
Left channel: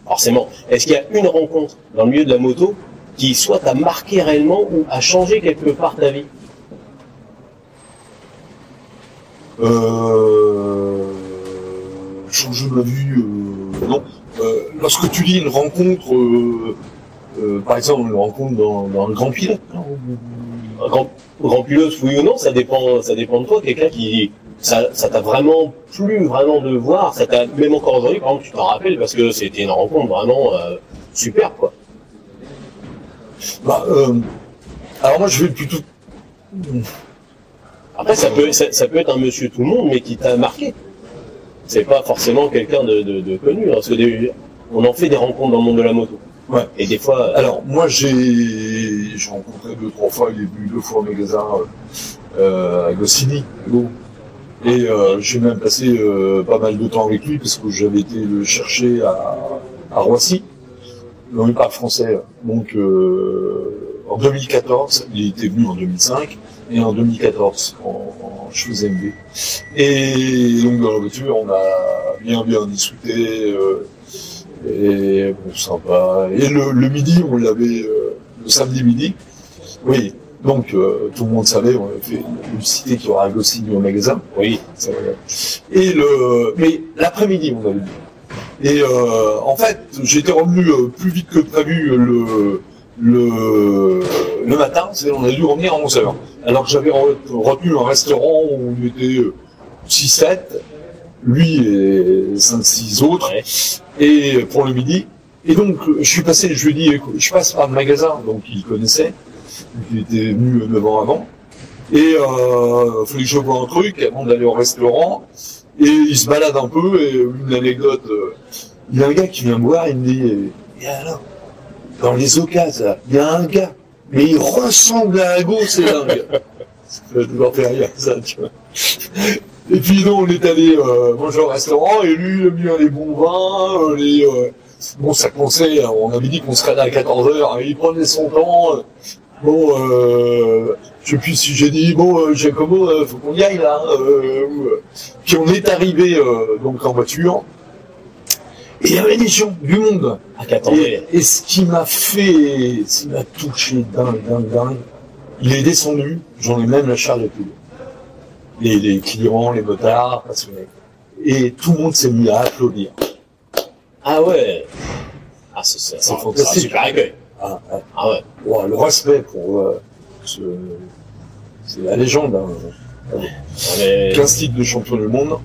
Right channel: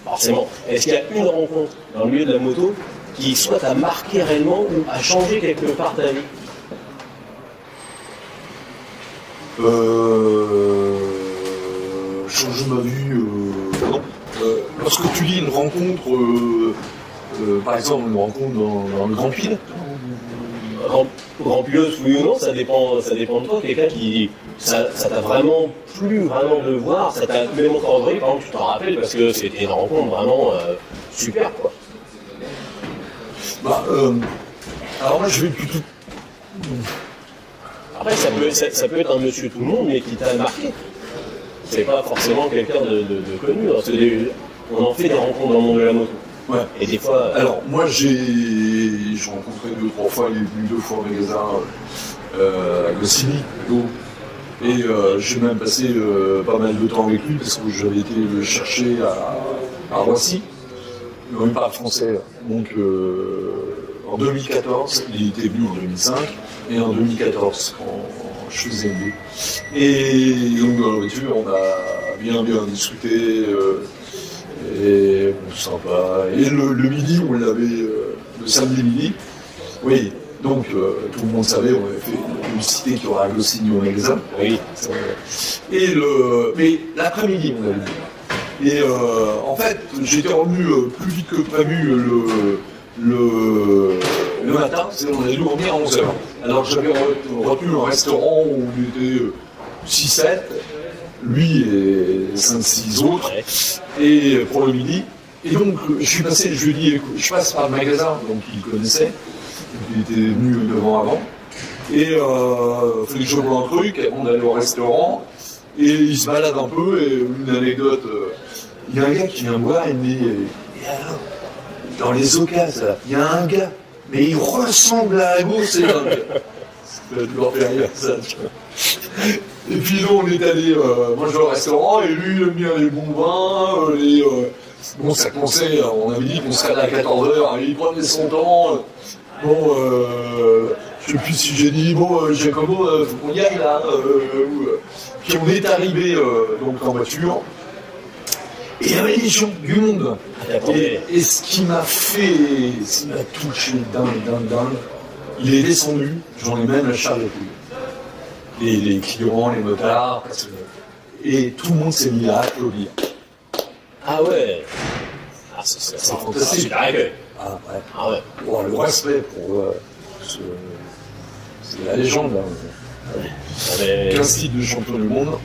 forcément. Est-ce qu'il y a une rencontre dans le milieu de la moto qui soit t'a marqué réellement ou a changé quelque part ta vie? Changer ma vie, non. Lorsque tu dis une rencontre, par exemple une rencontre dans le Grand Pilote. Grand pilote, oui ou non, ça dépend de toi. Quelqu'un qui, ça t'a vraiment plu, vraiment de voir, ça t'a même encore aujourd'hui, par exemple, tu t'en rappelles parce que c'était une rencontre vraiment super, quoi. Bah, alors moi je vais plutôt. Après, ça peut être un monsieur tout le monde, mais qui t'a marqué. C'est pas forcément quelqu'un de connu, hein, parce que on en fait des rencontres dans le monde de la moto. Ouais. Et des fois. Alors moi j'ai rencontré 2-3 fois, il est venu 2 fois au magasin à Goscinny, et j'ai même passé pas mal de temps avec lui parce que j'avais été le chercher à Roissy. On ne parle français, donc en 2014, il était venu en 2005 et en 2014 je faisais MB. Et donc dans la voiture on a bien discuté. Et bon, sympa. Et le midi, on l'avait le samedi midi. Oui, donc tout le monde savait, on avait fait une publicité qui aura un Goscinny au magasin. Oui. Et mais l'après-midi, on l'avait dit. Et en fait, j'étais revenu plus vite que prévu le matin. On a dû revenir à 11h. Alors que j'avais retenu un restaurant où on était 6-7. Lui et 5-6 autres, ouais. Et pour le midi. Et donc, je lui ai dit, écoute, je passe par le magasin, donc il connaissait, il était venu devant avant, et il fallait que je voie un truc avant d'aller au restaurant, et il se balade un peu, et une anecdote, il y a un gars qui vient me voir, il me dit, et alors, dans les occasions, il y a un gars, mais il ressemble à un gosse, c'est dingue. Ça doit toujours faire rire, ça, tu vois. Et puis non, on est allé manger au restaurant, et lui, il aime bien les bons vins, bon, ça commençait, on avait dit qu'on serait là à 14h, il prenait son temps. Bon, je sais plus si j'ai dit, bon, Giacomo, faut qu'on y aille, là. Puis on est arrivé, donc, en voiture, et il y avait des gens, du monde. Et ce qui m'a touché dingue, il est descendu, j'en ai même la chair de poule. Les clients, les motards, et tout le monde s'est mis à applaudir. Ah ouais. Ah, c'est fantastique. Ah ouais. Ah ouais. Bon, le respect pour c'est la légende. Hein. 15 titres de champion du monde.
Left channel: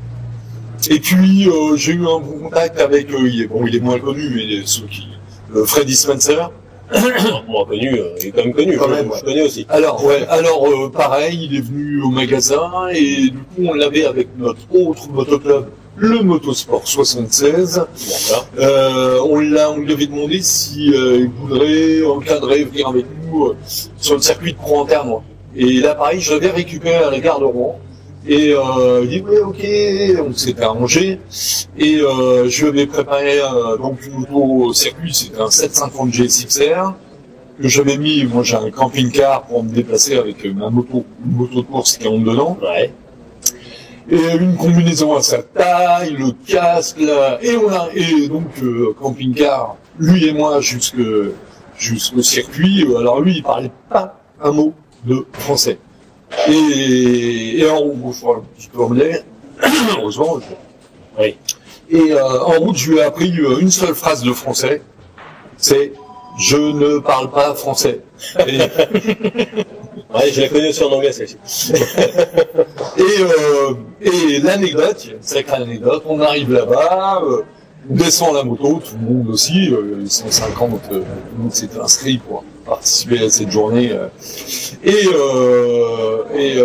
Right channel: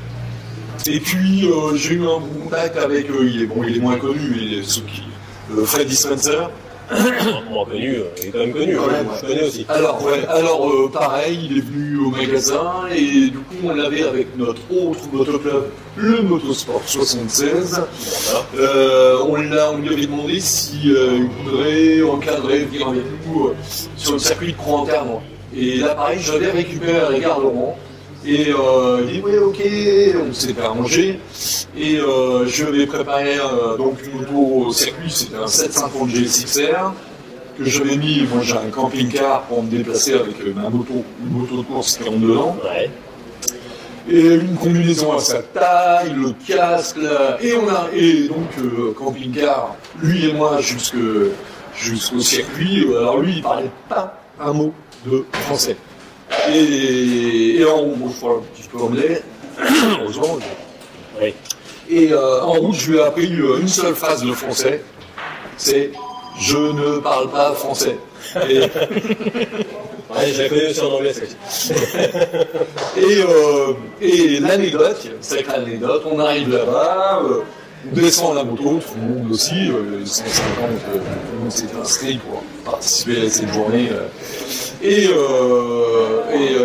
Et puis j'ai eu un bon contact avec il est moins connu, mais ceux qui Freddy Spencer. Moi connu, il est quand même connu, je connais aussi. Alors pareil, il est venu au magasin et du coup on l'avait avec notre autre motoclub, le Motosport 76. On lui avait demandé si il voudrait encadrer, venir avec nous sur le circuit de Croix-en-Terre. Et là pareil, j'avais récupéré à la gare de Rouen. Et il dit ouais ok, on s'était arrangé et je lui avais préparé donc une moto au circuit, c'était un 750 GSXR que j'avais mis, moi j'ai un camping-car pour me déplacer avec ma moto, une moto de course qui rentre dedans. Ouais. Et une combinaison à sa taille, le casque là, et donc camping-car, lui et moi jusqu'au circuit, alors lui il parlait pas un mot de français. Et en route, je parle un petit peu anglais, heureusement. Oui. Et en route, je lui ai appris une seule phrase de français, c'est « Je ne parle pas français ». Et... ouais, je la connais aussi en anglais, celle-ci. Et l'anecdote, sacrée anecdote, on arrive là-bas, On descend à la moto, tout le monde aussi, 150, tout le monde s'est inscrit pour participer à cette journée. Et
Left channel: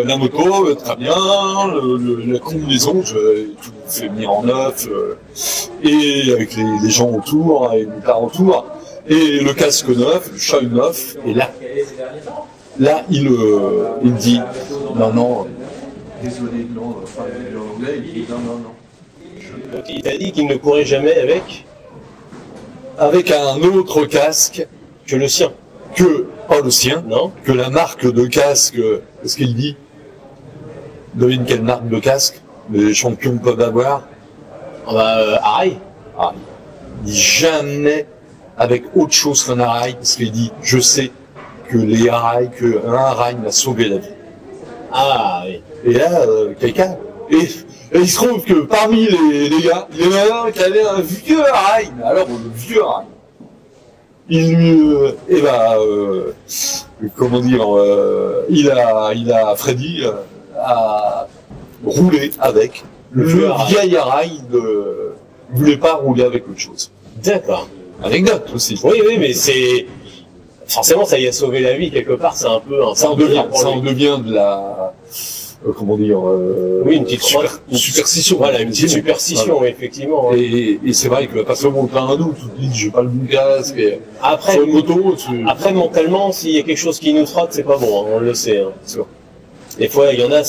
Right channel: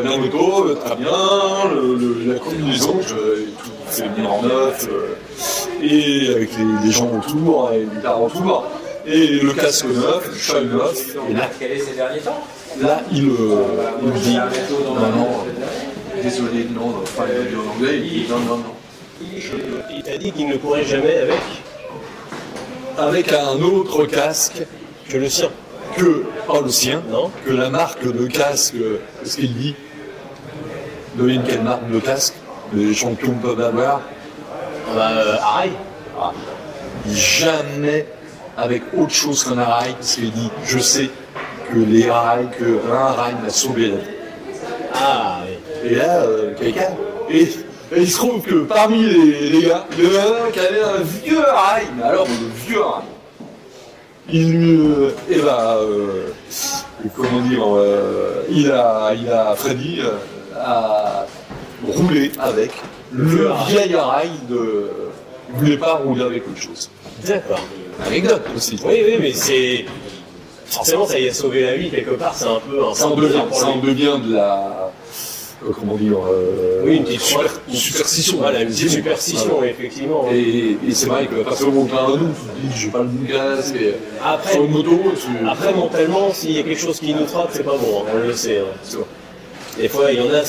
la moto, très bien, la combinaison, tout fait venir en neuf, et avec les gens autour, et les guitares autour, et le casque neuf, le châle neuf, et là, il me dit, non, Désolé, non, enfin, il a dit en anglais, il dit non. Il t'a dit qu'il ne courait jamais avec un autre casque que le sien. le sien, Non. que la marque de casque, qu'est-ce qu'il dit? Devine quelle marque de casque les champions peuvent avoir? Arai. Il dit jamais avec autre chose qu'un Arai, parce qu'il dit, je sais que qu'un Arai m'a sauvé la vie. Ah oui. Et là, quelqu'un, et il se trouve que parmi les gars, il y en a un qui avait un vieux Arai, mais alors le vieux Arai. Comment dire, Freddy a roulé avec le vieil Arai il voulait pas rouler avec autre chose. D'accord. Anecdote aussi. Oui, mais c'est... Forcément, ça y a sauvé la vie, quelque part, c'est un peu un Ça en devient de la... comment dire... oui, une petite superstition. Voilà, une petite superstition, voilà. Effectivement. Et c'est vrai que parce que mon plein à nous, tu te dis, j'ai pas le bon casque, et Après, sur une moto, après, mentalement, s'il y a quelque chose qui nous trotte, c'est pas bon, hein, on le sait. Hein. c'est vrai. Des fois, il y en a,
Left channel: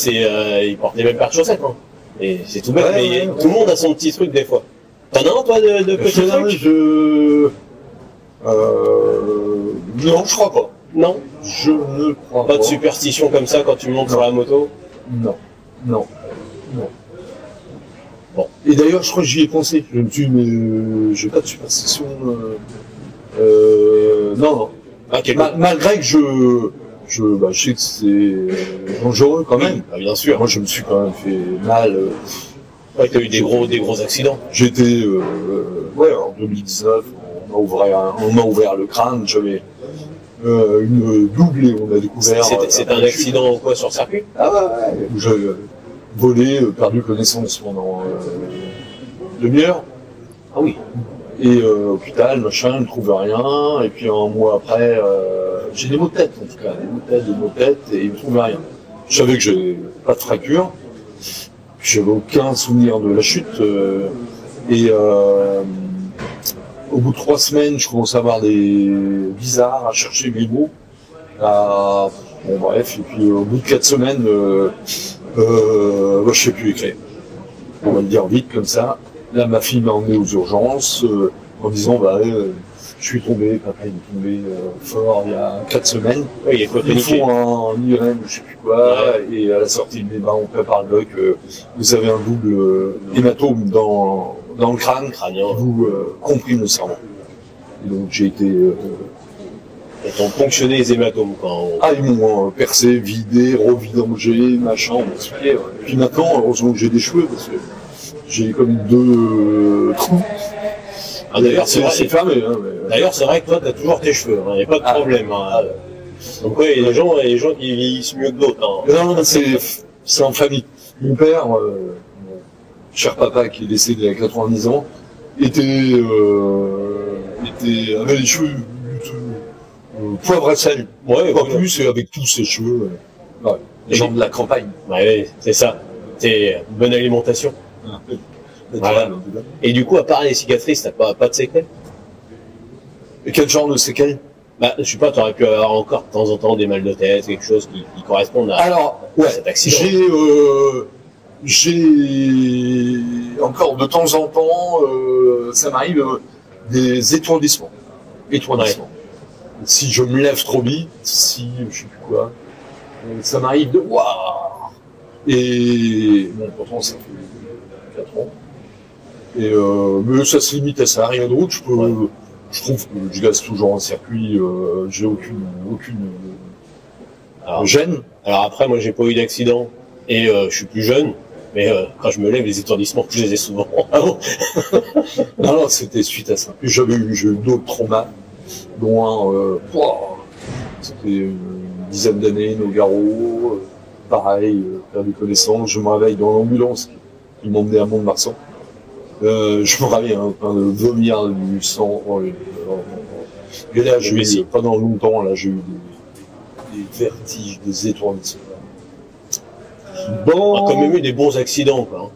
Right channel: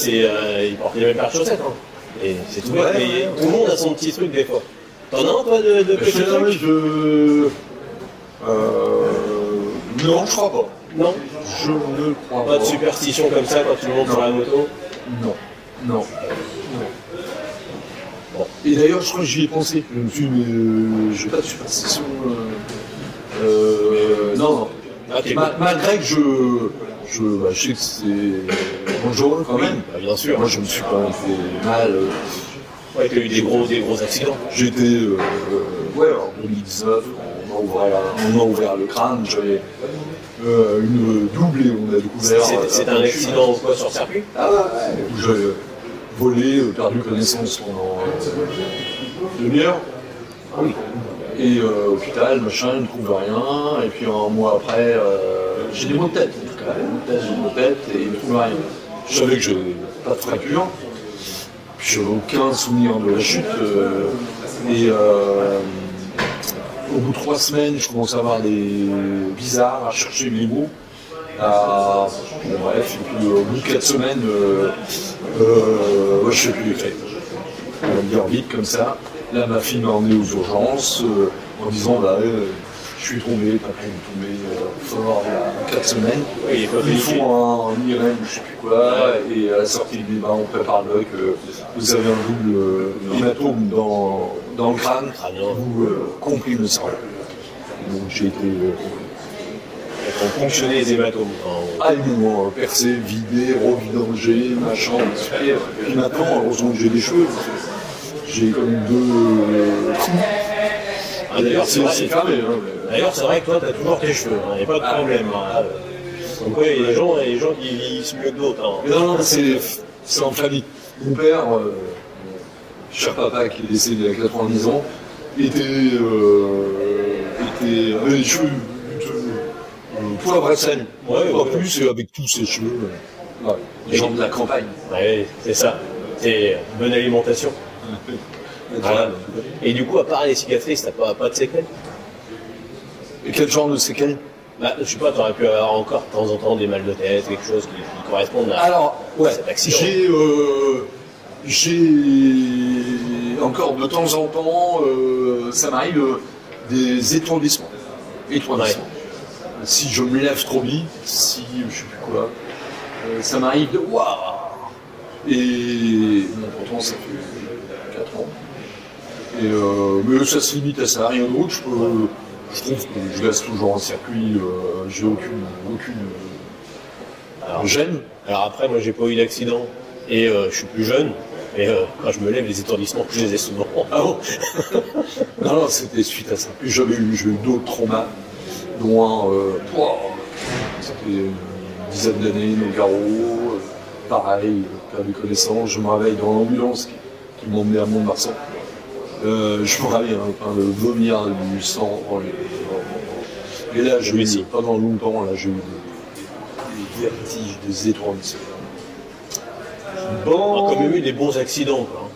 ils portent les mêmes paires de chaussettes. Hein. Et c'est tout bête, mais tout le monde a son petit truc, des fois. T'en as un, toi, de petits trucs Non, je crois pas. Non. Je ne crois pas. Pas de superstition comme ça quand tu montes sur la moto? Non. Bon. Et d'ailleurs, je crois que j'y ai pensé. Je me suis dit, mais j'ai pas de superstition. Non. Ah, Malgré que je sais que c'est dangereux quand même. Bah, bien sûr. Moi, je me suis quand même fait mal. Ouais, t'as eu des gros accidents. J'étais, en 2019, on m'a ouvert le crâne, j'avais une double et on a découvert... C'était un accident quoi, sur circuit? Ah ouais, où j'avais volé, perdu connaissance pendant une demi-heure. Ah oui. Et hôpital, machin, ne trouve rien, et puis un mois après, j'ai des maux de tête en tout cas, des maux de tête, et il ne trouve rien. Je savais que j'avais pas de fracture, puis j'avais aucun souvenir de la chute, au bout de 3 semaines, je commençais à avoir des bizarres, à chercher mes mots. Bon bref, et puis au bout de 4 semaines, je sais plus écrire. On va le dire vite comme ça. Là, ma fille m'a emmené aux urgences en disant je suis tombé, papa est tombé fort il y a 4 semaines. Oui, il faut un IRM, je sais plus quoi, et à la sortie, il dit on prépare le doc, vous avez un double hématome dans le crâne, vous comprime le cerveau. Donc j'ai été... Ils ont ponctionné les hématomes. Ils m'ont percé, vidé, revidangé, machin, et puis maintenant, heureusement que j'ai des cheveux, parce que j'ai comme 2 trous. D'ailleurs, c'est fermé. Hein, mais... D'ailleurs, c'est vrai que toi, t'as toujours tes cheveux, il n'y a pas de problème. Hein. Donc oui, il y a des gens qui vieillissent mieux que d'autres. Hein. Non, c'est en famille. Mon père, cher papa qui est décédé à 90 ans, avait les cheveux poivre à sel. Ouais, pas plus, et avec tous ses cheveux. Les gens de la campagne. Ouais, c'est ça. C'est bonne alimentation. Voilà. Et du coup, à part les cicatrices, t'as pas de séquelles? Et quel genre de séquelles? Je sais pas, t'aurais pu avoir encore de temps en temps des mal de tête, quelque chose qui corresponde à cet accident. J'ai encore de temps en temps, ça m'arrive des étourdissements. Ouais. Si je me lève trop vite, si je sais plus quoi, ça m'arrive de waouh. Et bon, pourtant ça fait 4 ans. Et mais ça se limite à ça, rien d'autre. Je trouve que je reste toujours en circuit, j'ai aucune gêne. Alors après, moi j'ai pas eu d'accident et je suis plus jeune, mais quand je me lève, les étourdissements, je les ai souvent. Ah bon? Non, c'était suite à ça. J'ai eu d'autres traumas, dont un, c'était une dizaine d'années, Nogaro, pareil, perdu connaissance. Je me réveille dans l'ambulance qui m'emmenait à Mont-de-Marsan. Je me rappelle en train de vomir du sang. Et là, pendant longtemps, là, j'ai eu des vertiges, des étourdissements. On a quand même eu des bons accidents, quoi.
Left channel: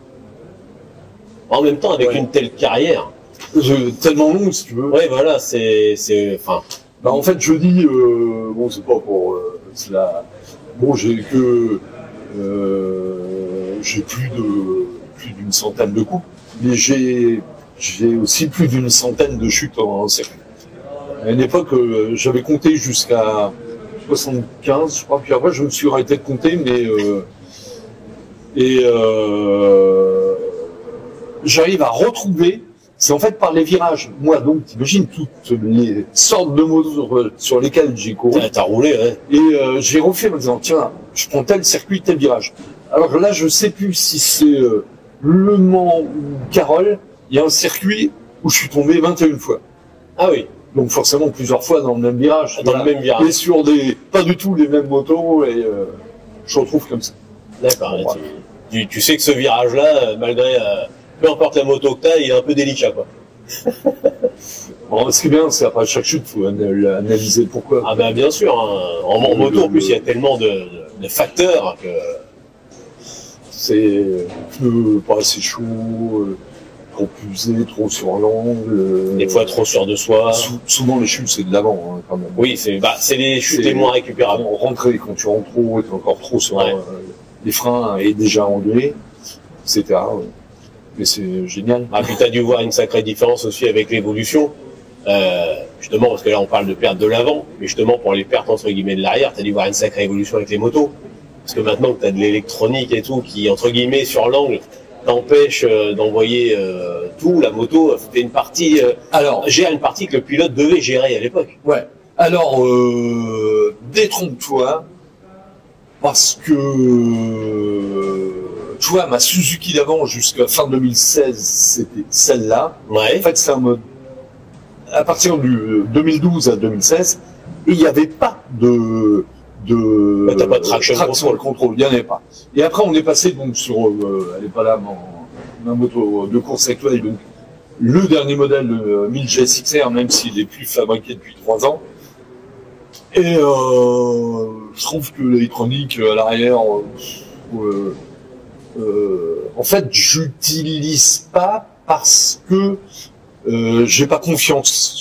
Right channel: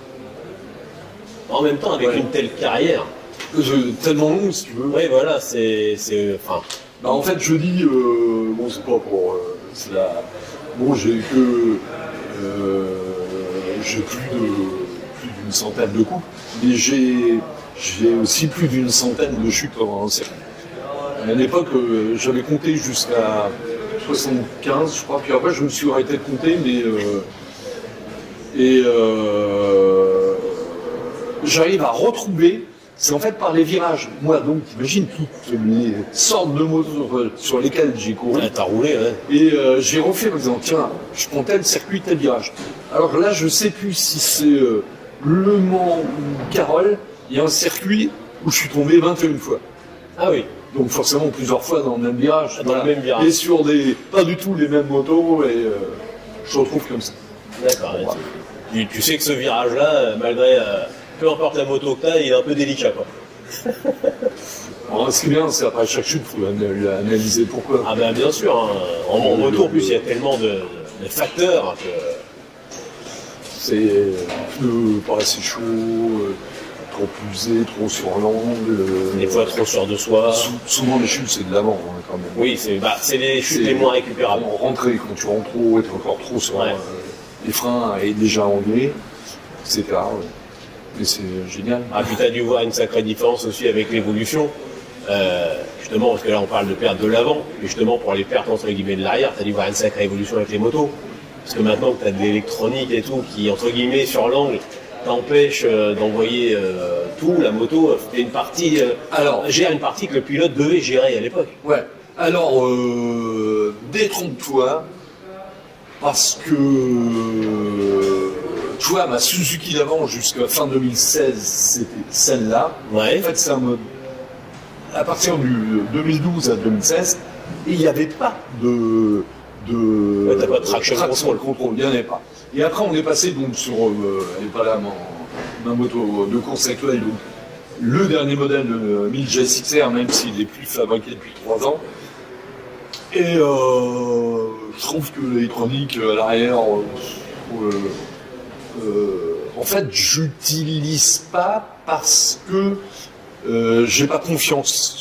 En même temps, avec une telle carrière. Tellement long, si tu veux. Oui, voilà, enfin. Bah, en fait, je dis, bon, c'est pas pour, c'est la, bon, j'ai plus d'une centaine de coupes, mais j'ai aussi plus d'une centaine de chutes en circuit. À une époque, j'avais compté jusqu'à 75, je crois, puis après, je me suis arrêté de compter, mais j'arrive à retrouver. C'est en fait par les virages. Moi, donc, t'imagines toutes les sortes de motos sur lesquelles j'ai couru. T'as roulé, ouais. Et j'ai refait en me disant, tiens, je prends tel circuit, tel virage. Alors là, je sais plus si c'est Le Mans ou Carole. Il y a un circuit où je suis tombé 21 fois. Ah oui. Donc forcément plusieurs fois dans le même virage. Dans le même virage. Et sur pas du tout les mêmes motos, et je retrouve comme ça. D'accord. Ouais. Tu sais que ce virage-là, malgré... peu importe la moto que t'as, il est un peu délicat, quoi. Alors, ce qui est bien, c'est qu'après chaque chute, il faut analyser pourquoi. Ah ben bien sûr, hein. En moto, en plus, il y a tellement de facteurs que... C'est pneus pas assez chaud, trop usé, trop sur l'angle. Des fois trop sûr de soi. Souvent les chutes, c'est de l'avant, hein, quand même. Oui, c'est les chutes les moins récupérables. Rentrer, quand tu rentres trop, t'es encore trop sur les freins et déjà engueulé, etc. Ouais. Et c'est génial. Ah, puis t'as dû voir une sacrée différence aussi avec l'évolution. Justement, parce que là on parle de perte de l'avant, mais justement pour les pertes entre guillemets de l'arrière, t'as dû voir une sacrée évolution avec les motos. Parce que maintenant que t'as de l'électronique et tout, qui entre guillemets sur l'angle, t'empêche d'envoyer tout, la moto fait une partie, gère une partie que le pilote devait gérer à l'époque. Ouais. Alors, détrompe-toi, parce que tu vois, ma Suzuki d'avant jusqu'à fin 2016, c'était celle-là. Ouais. En fait, c'est un mode. À partir du 2012 à 2016, il n'y avait pas de t'as pas de traction control, il n'y en avait pas. Et après, on est passé donc sur, elle n'est pas là, ma moto de course actuelle, donc le dernier modèle 1000 GSXR, même s'il n'est plus fabriqué depuis 3 ans. Et je trouve que l'électronique à l'arrière, en fait, j'utilise pas parce que j'ai pas confiance.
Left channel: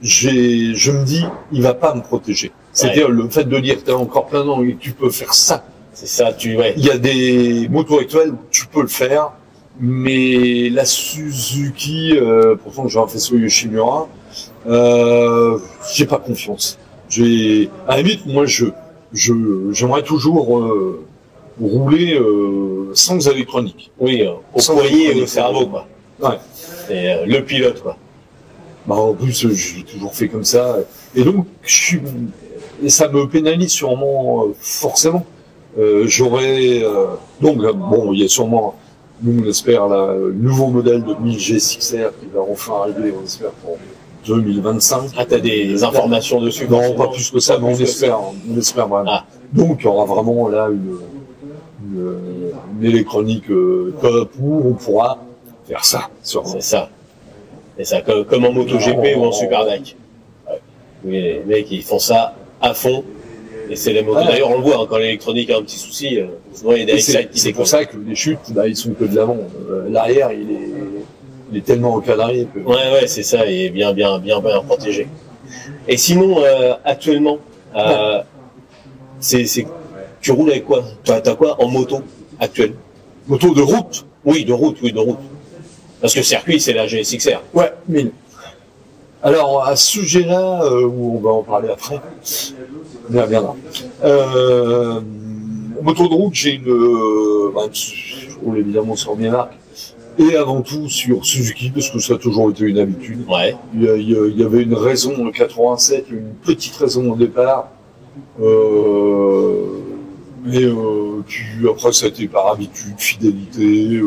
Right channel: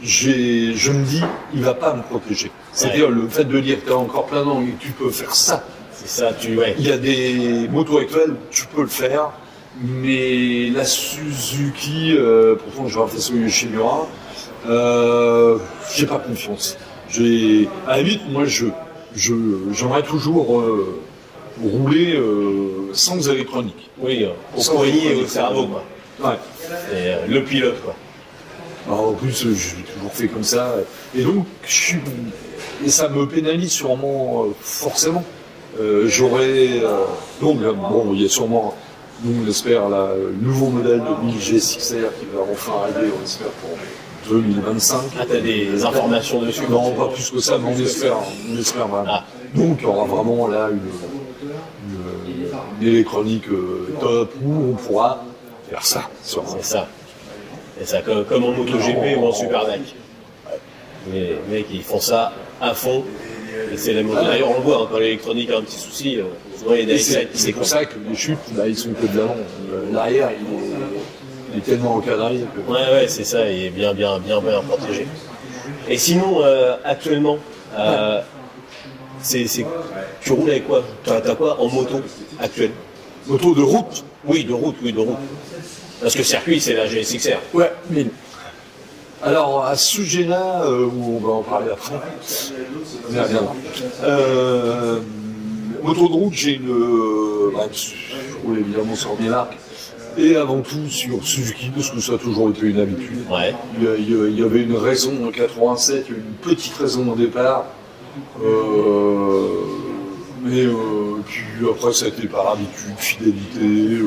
Je me dis, il va pas me protéger. C'est-à-dire le fait de dire que tu as encore plein d'angles et que tu peux faire ça. C'est ça, Il y a des motos actuelles où tu peux le faire, mais la Suzuki, pourtant j'ai un faisceau Yoshimura, j'ai pas confiance. À la limite, moi j'aimerais toujours rouler sans électronique. Oui, au poignet et au cerveau, quoi. Ouais. C'est le pilote, quoi. Bah, en plus, j'ai toujours fait comme ça. Et donc, et ça me pénalise sûrement, forcément. J'aurais, donc, là, bon, il y a sûrement, nous, on espère, le nouveau modèle de 1000 GSXR qui va enfin arriver, on espère, pour 2025. Ah, t'as des informations dessus? Non, pas plus que ça, mais on espère vraiment. Ah. Donc, il y aura vraiment là une électronique top où on pourra faire ça. C'est ça. C'est ça, comme en MotoGP ou en Superbike. Ouais. Mais les mecs, ils font ça à fond. Et c'est la moto. D'ailleurs, on le voit, hein, quand l'électronique a un petit souci, souvent il y a des c'est pour ça que les chutes, là, ils sont que de l'avant. L'arrière, il est tellement encadré que... Ouais, c'est ça, il est bien protégé. Et sinon, actuellement, tu roules avec quoi? T'as quoi en moto actuelle? Moto de route? Oui, de route. Parce que circuit, c'est la GSXR. Ouais, 1000. Alors, à ce sujet-là, on va en parler après, on y reviendra. Moto de route, j'ai je roule évidemment sur mes marques, et avant tout sur Suzuki, parce que ça a toujours été une habitude. Ouais. Il y avait une raison en 87, une petite raison au départ, mais puis après ça a été par habitude, fidélité,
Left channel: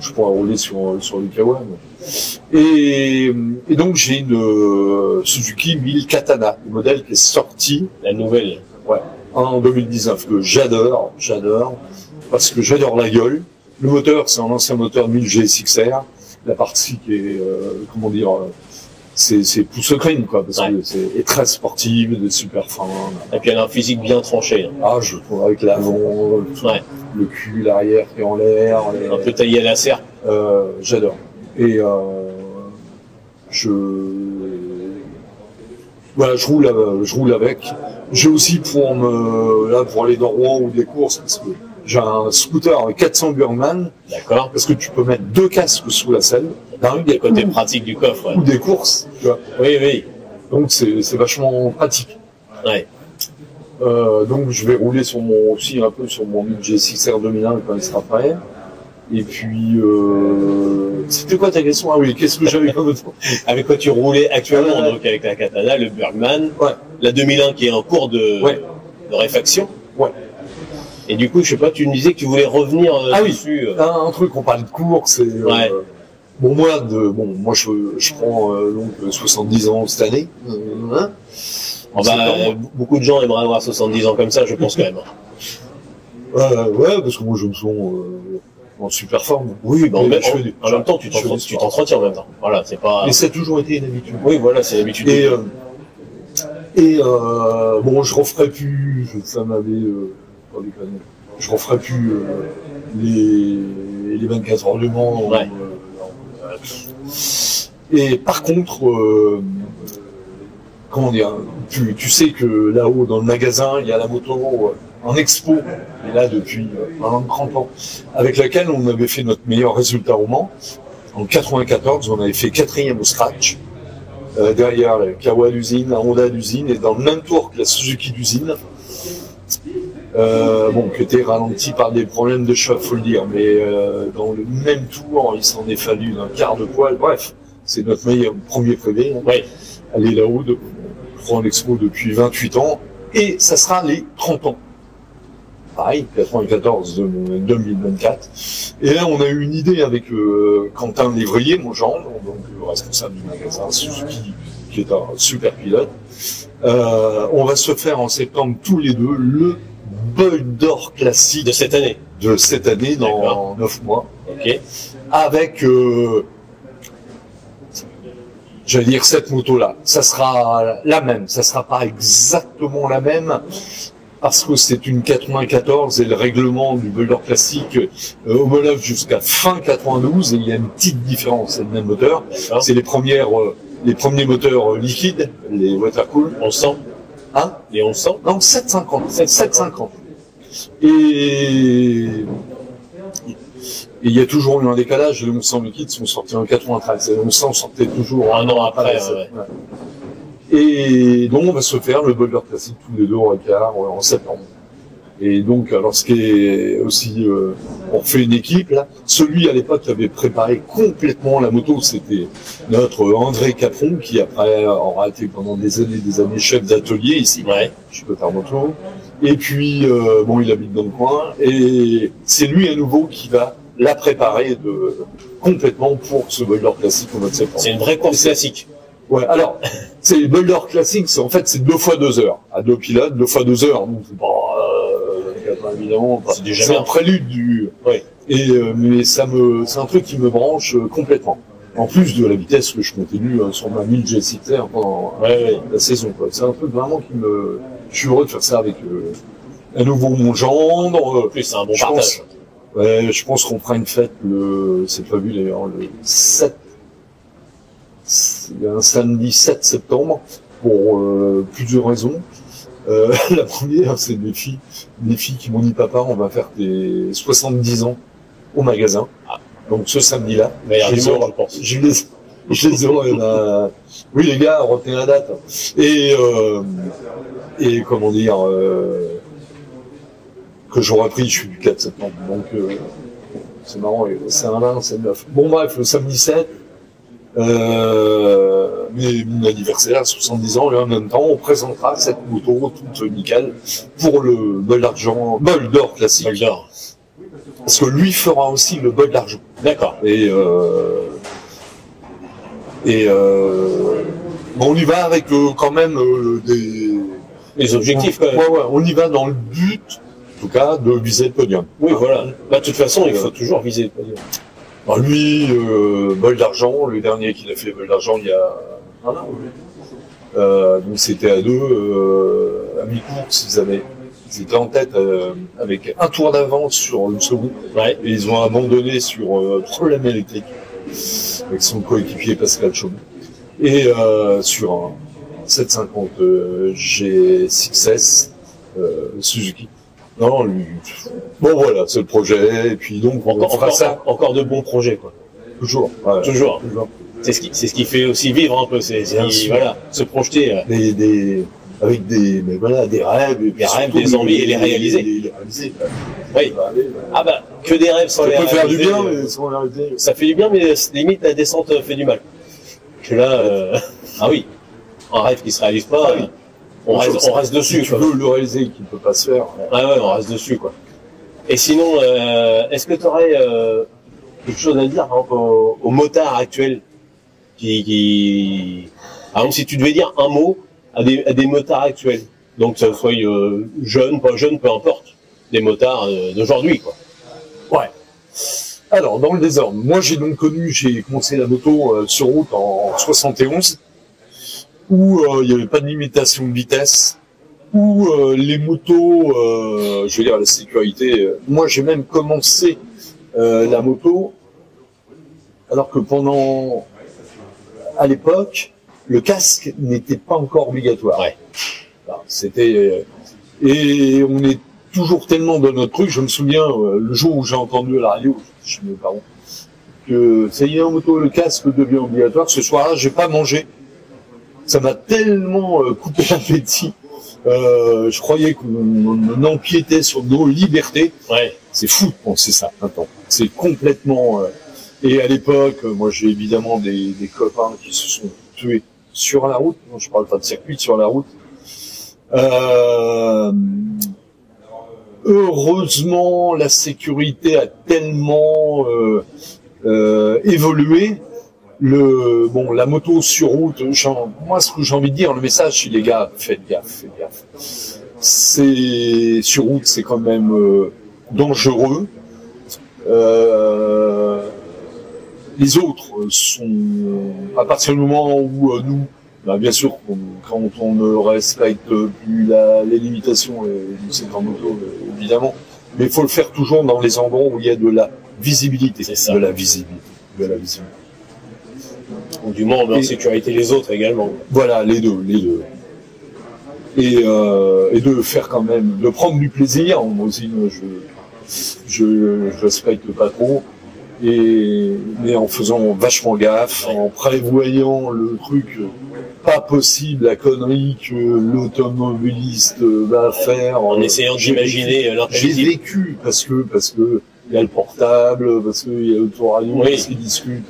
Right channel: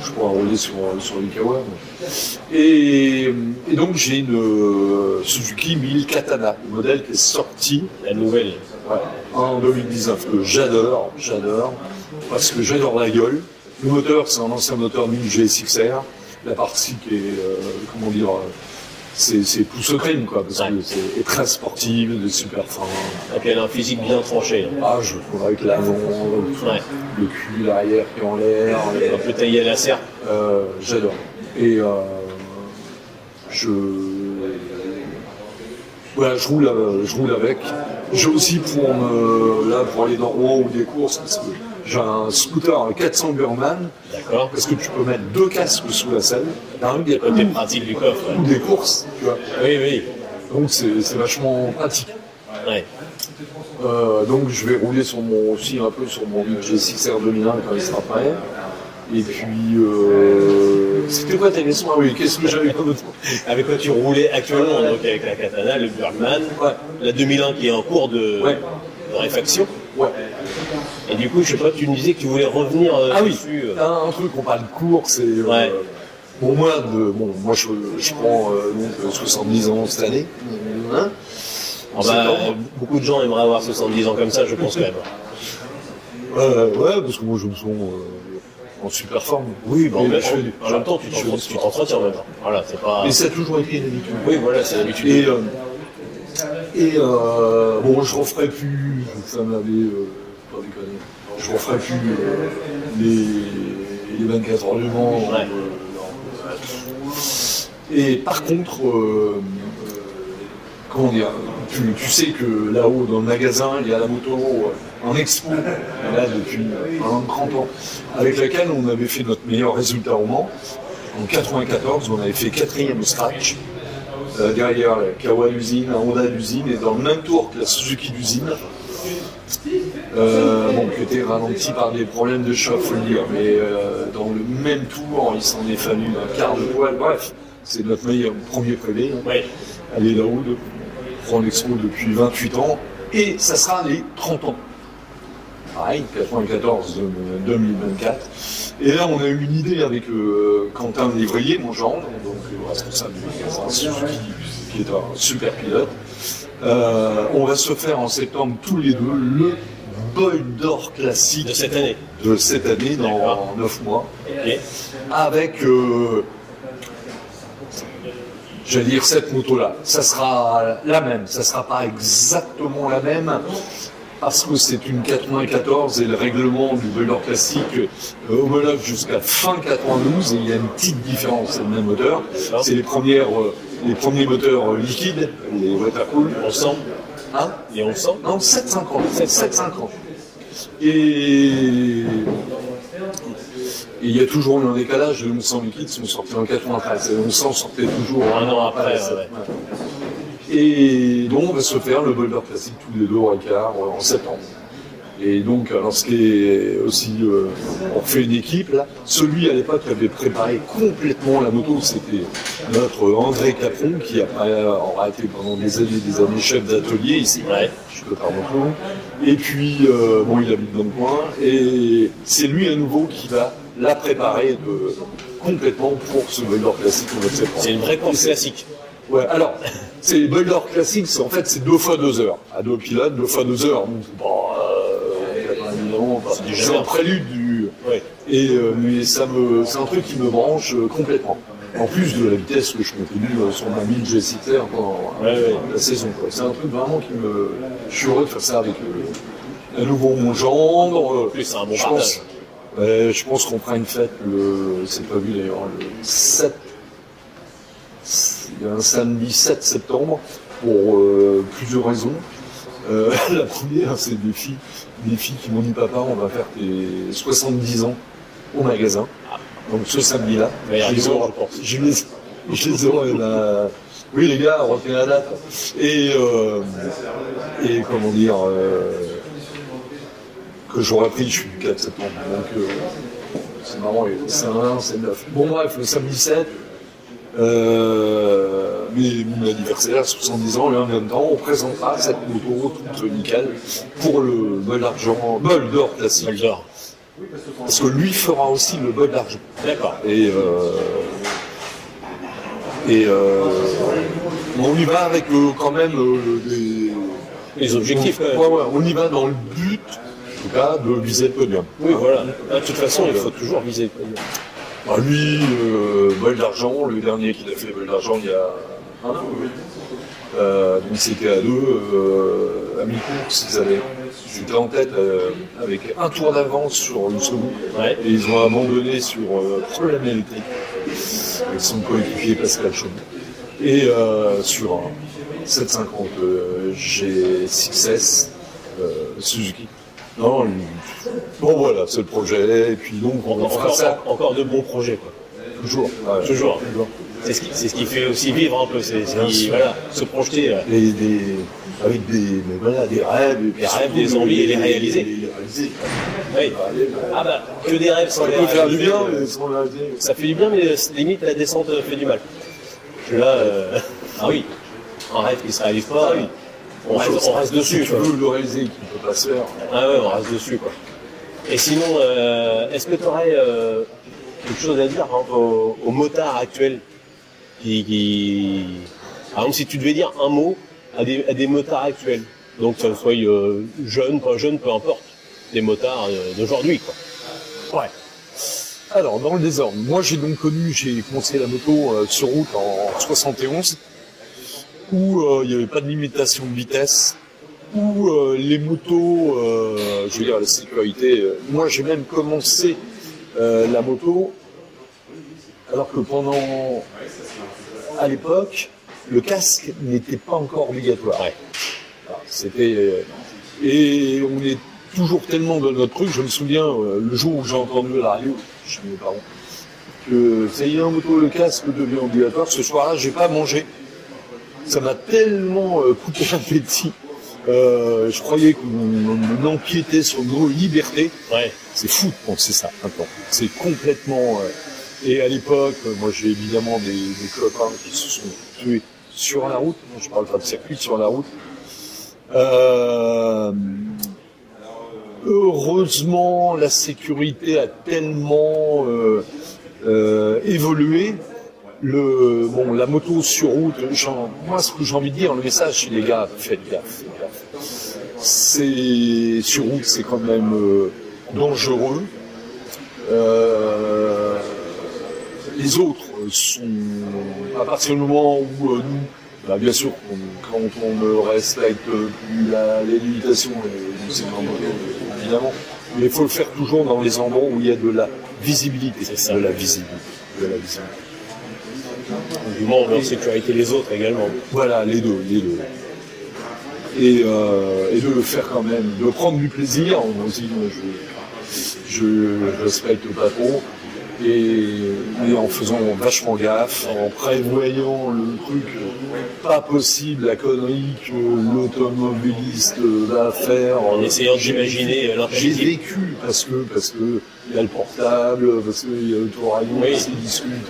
je pourrais rouler sur les Kawa. Et donc j'ai une Suzuki 1000 Katana, le modèle qui est sorti. La nouvelle. Ouais, en 2019, que j'adore, parce que j'adore la gueule. Le moteur, c'est un ancien moteur 1000 GSX-R. La partie qui est, comment dire, c'est pouce crime, quoi, parce que c'est très sportive, de super fin. Et puis elle a un physique bien tranché. Hein. Ah, je trouve avec l'avant, le cul, l'arrière qui est en l'air. Un peu taillé à la serre. J'adore. Et voilà, je roule avec. J'ai aussi pour aller dans Rouen ou des courses, parce que j'ai un scooter 400 Burman. D'accord. Parce que tu peux mettre 2 casques sous la selle. Il y a le côté pratique du coffre. Ou des courses, tu vois. Oui, oui. Donc c'est vachement pratique. Ouais. Donc je vais rouler aussi un peu sur mon G6R 2001 quand il sera prêt. Et puis, c'était quoi ta question? Ah oui, qu'est-ce que j'avais pas d'autre? Avec quoi tu roulais actuellement, donc avec la Katana, le Bergman, la 2001 qui est en cours de réfaction. Ouais. Et du coup, je sais pas, tu me disais que tu voulais revenir dessus. Oui, un truc, on parle de cours, c'est... Bon, moi, je prends donc 70 ans cette année. Hein, beaucoup de gens aimeraient avoir 70 ans comme ça, je pense quand même. Ouais, parce que moi, je me sens en super forme. Oui, en même temps, tu t'entretiens même. Voilà, c'est pas... Et ça a toujours été une habitude. Oui, voilà, c'est l'habitude. Bon, je referai plus, ça m'avait... pas déconner. Je referai plus les 24 heures du Mans. Et par contre, comment dire, tu sais que là-haut dans le magasin, il y a la moto en expo, là depuis 30 ans, avec laquelle on avait fait notre meilleur résultat au Mans. En 94, on avait fait 4e au scratch, derrière la Kawa d'usine, la Honda d'usine, et dans le même tour que la Suzuki d'usine. Qui était ralenti par des problèmes de choc, faut le dire, mais dans le même tour, il s'en est fallu d'un quart de poil. Bref, c'est notre meilleur premier privé. Hein. Elle est là-haut, prend l'expo depuis 28 ans, et ça sera les 30 ans. Pareil, 94-2024. Et là, on a eu une idée avec Quentin Lévrier, mon gendre, donc le responsable du magasin Suzuki, qui est un super pilote. On va se faire en septembre tous les deux le Bol d'Or classique de cette année. Dans 9 mois. Okay. Avec, j'allais dire cette moto-là. Ça sera la même. Ça sera pas exactement la même. Parce que c'est une 94 et le règlement du Bol d'Or classique homologue jusqu'à fin 92 et il y a une petite différence. C'est le même moteur. C'est les premiers moteurs liquides, les watercool. On sent. Hein? Et on sent? Non, 750. Et il y a toujours eu un décalage. Les 1100 liquides sont sortis en 93. Et les 1100 sortaient toujours un an après. Et donc on va se faire le Bol d'Or classique tous les 2 au Ricard en septembre. Et donc, alors ce qui est aussi, on refait une équipe là. Celui à l'époque qui avait préparé complètement la moto, c'était notre André Capron qui après aura été pendant des années chef d'atelier ici, chez Cotard Moto. Et puis il habite dans le coin et c'est lui à nouveau qui va la préparer complètement pour ce Bol d'Or classique au mois de septembre. C'est une vraie course classique. Ouais, alors, c'est les Bol d'Or classiques, en fait, c'est 2 fois 2 heures. À 2 pilotes, 2 fois 2 heures. Donc, évidemment, c'est un prélude du... Et, mais c'est un truc qui me branche complètement. En plus de la vitesse que je continue sur ma 1000 GSX-R pendant la saison, quoi. C'est un truc vraiment qui me... Je suis heureux de faire ça avec à nouveau mon gendre. En plus, c'est un bon partage. Je pense qu'on fera une fête, c'est prévu d'ailleurs, le 7. Il y a un samedi 7 septembre pour plusieurs raisons. La première, c'est des filles qui m'ont dit papa, on va faire tes 70 ans au magasin. Donc ce samedi-là, je les aurai. Oui les gars, retenez la date. Et comment dire que j'aurais pris, je suis du 4 septembre. Donc c'est marrant, c'est un 1, c'est 9. Bon bref, le samedi 7. Mais mon anniversaire, 70 ans, et en même temps, on présentera cette moto toute nickel pour le Bol d'Or classique. Bol d'Or. Parce que lui fera aussi le Bol d'Argent. D'accord. Et on y va avec quand même les objectifs. On y va dans le but En tout cas, de viser le podium. Oui, voilà. Bah, de toute façon, il faut toujours viser le podium. Alors lui, bol d'argent, le dernier qu'il a fait bol d'argent il y a un an. Donc c'était à deux, à mi-course, ils étaient en tête avec un tour d'avance sur le second. Ouais. Et ils ont abandonné sur problème électrique avec son coéquipier Pascal Chaud. Et sur un 750 G6S Suzuki. Non, lui, bon voilà, c'est le projet, et puis donc on fera ça. Encore de bons projets, quoi. Toujours. Ouais, Toujours. C'est ce qui fait aussi vivre un peu, voilà, se projeter. Avec des rêves, et puis des envies et les réaliser. Oui. Ah bah, que des rêves sans les réaliser. Ça peut faire du bien, mais sans les réaliser. Ça fait du bien, mais limite la descente fait du mal. Que là, ah oui, un rêve qui se réalise pas, oui. On reste dessus. Si tu veux le réaliser, qui ne peut pas se faire. Ah ouais, on reste dessus, quoi. Et sinon, est-ce que tu aurais quelque chose à dire par exemple, aux motards actuels par exemple, si tu devais dire un mot à des motards actuels, donc que ce soit jeunes, pas jeunes, peu importe, des motards d'aujourd'hui, quoi. Ouais. Alors, dans le désordre, moi j'ai commencé la moto sur route en 71, où il n'y avait pas de limitation de vitesse, où les motos, je veux dire la sécurité, moi j'ai même commencé la moto, alors que à l'époque, le casque n'était pas encore obligatoire. Ouais. Alors, c'était, et on est toujours tellement dans notre truc, je me souviens, le jour où j'ai entendu à la radio, chez mes parents, que ça y est, en moto, le casque devient obligatoire. Ce soir-là, j'ai pas mangé. Ça m'a tellement coupé l'appétit. Je croyais qu'on empiétait sur nos libertés. Ouais. C'est fou de penser ça maintenant. C'est complètement... Et à l'époque, moi j'ai évidemment des copains qui se sont tués sur la route. Moi je parle pas de circuit, sur la route. Heureusement, la sécurité a tellement évolué. La moto sur route, moi ce que j'ai envie de dire, le message, c'est les gars, faites gaffe. C'est sur route, c'est quand même dangereux. Les autres sont, à partir du moment où nous, bien sûr, quand on ne respecte plus les limitations de ces grandes motos, évidemment, mais il faut le faire toujours dans les endroits où il y a de la visibilité. C'est ça. De la visibilité. Du moins, on met en sécurité les autres également. Voilà, les deux. Et de faire quand même, de prendre du plaisir. Moi aussi, je respecte pas trop. Mais en faisant vachement gaffe, en prévoyant le truc pas possible, la connerie que l'automobiliste va faire. En essayant d'imaginer J'ai vécu parce que il y a le portable, parce qu'il y a le tour à Lyon qui discute.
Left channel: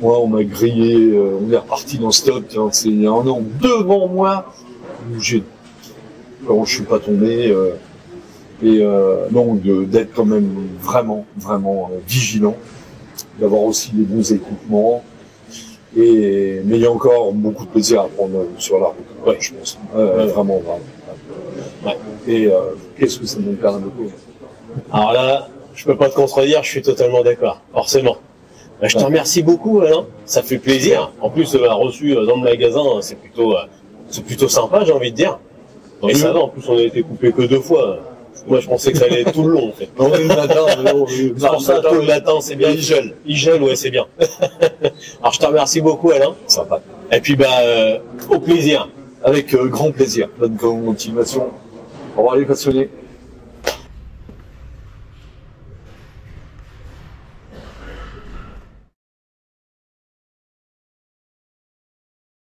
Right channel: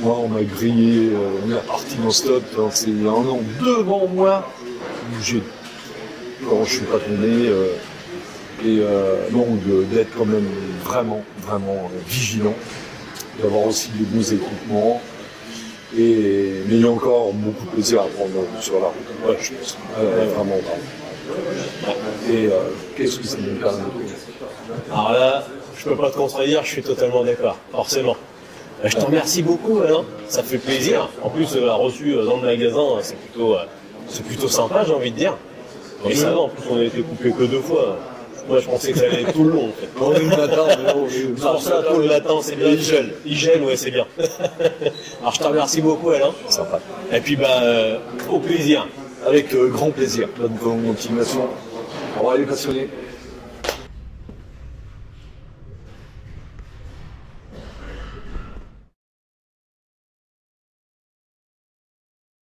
Moi, on m'a grillé, on est reparti dans stop, c'est il y a un an devant moi, où je suis pas tombé. Donc d'être quand même vraiment vigilant, d'avoir aussi des bons équipements, mais il y a encore beaucoup de plaisir à prendre sur la route, je pense, vraiment. Ouais. Et qu'est-ce que c'est mon cas de moto? Alors là, je peux pas te contredire, je suis totalement d'accord, forcément. Je te remercie beaucoup, Alain, ça fait plaisir. En plus, reçu dans le magasin, c'est plutôt sympa, j'ai envie de dire. Et ça va, en plus, on a été coupé que 2 fois. Moi, je pensais que ça allait être tout le long, en fait. On est le matin, c'est pour ça, tout le matin, c'est bien. Il gèle, ouais, c'est bien. Alors, je te remercie beaucoup, Alain. Sympa. Et puis, au plaisir. Avec grand plaisir. Bonne continuation. Au revoir les passionnés.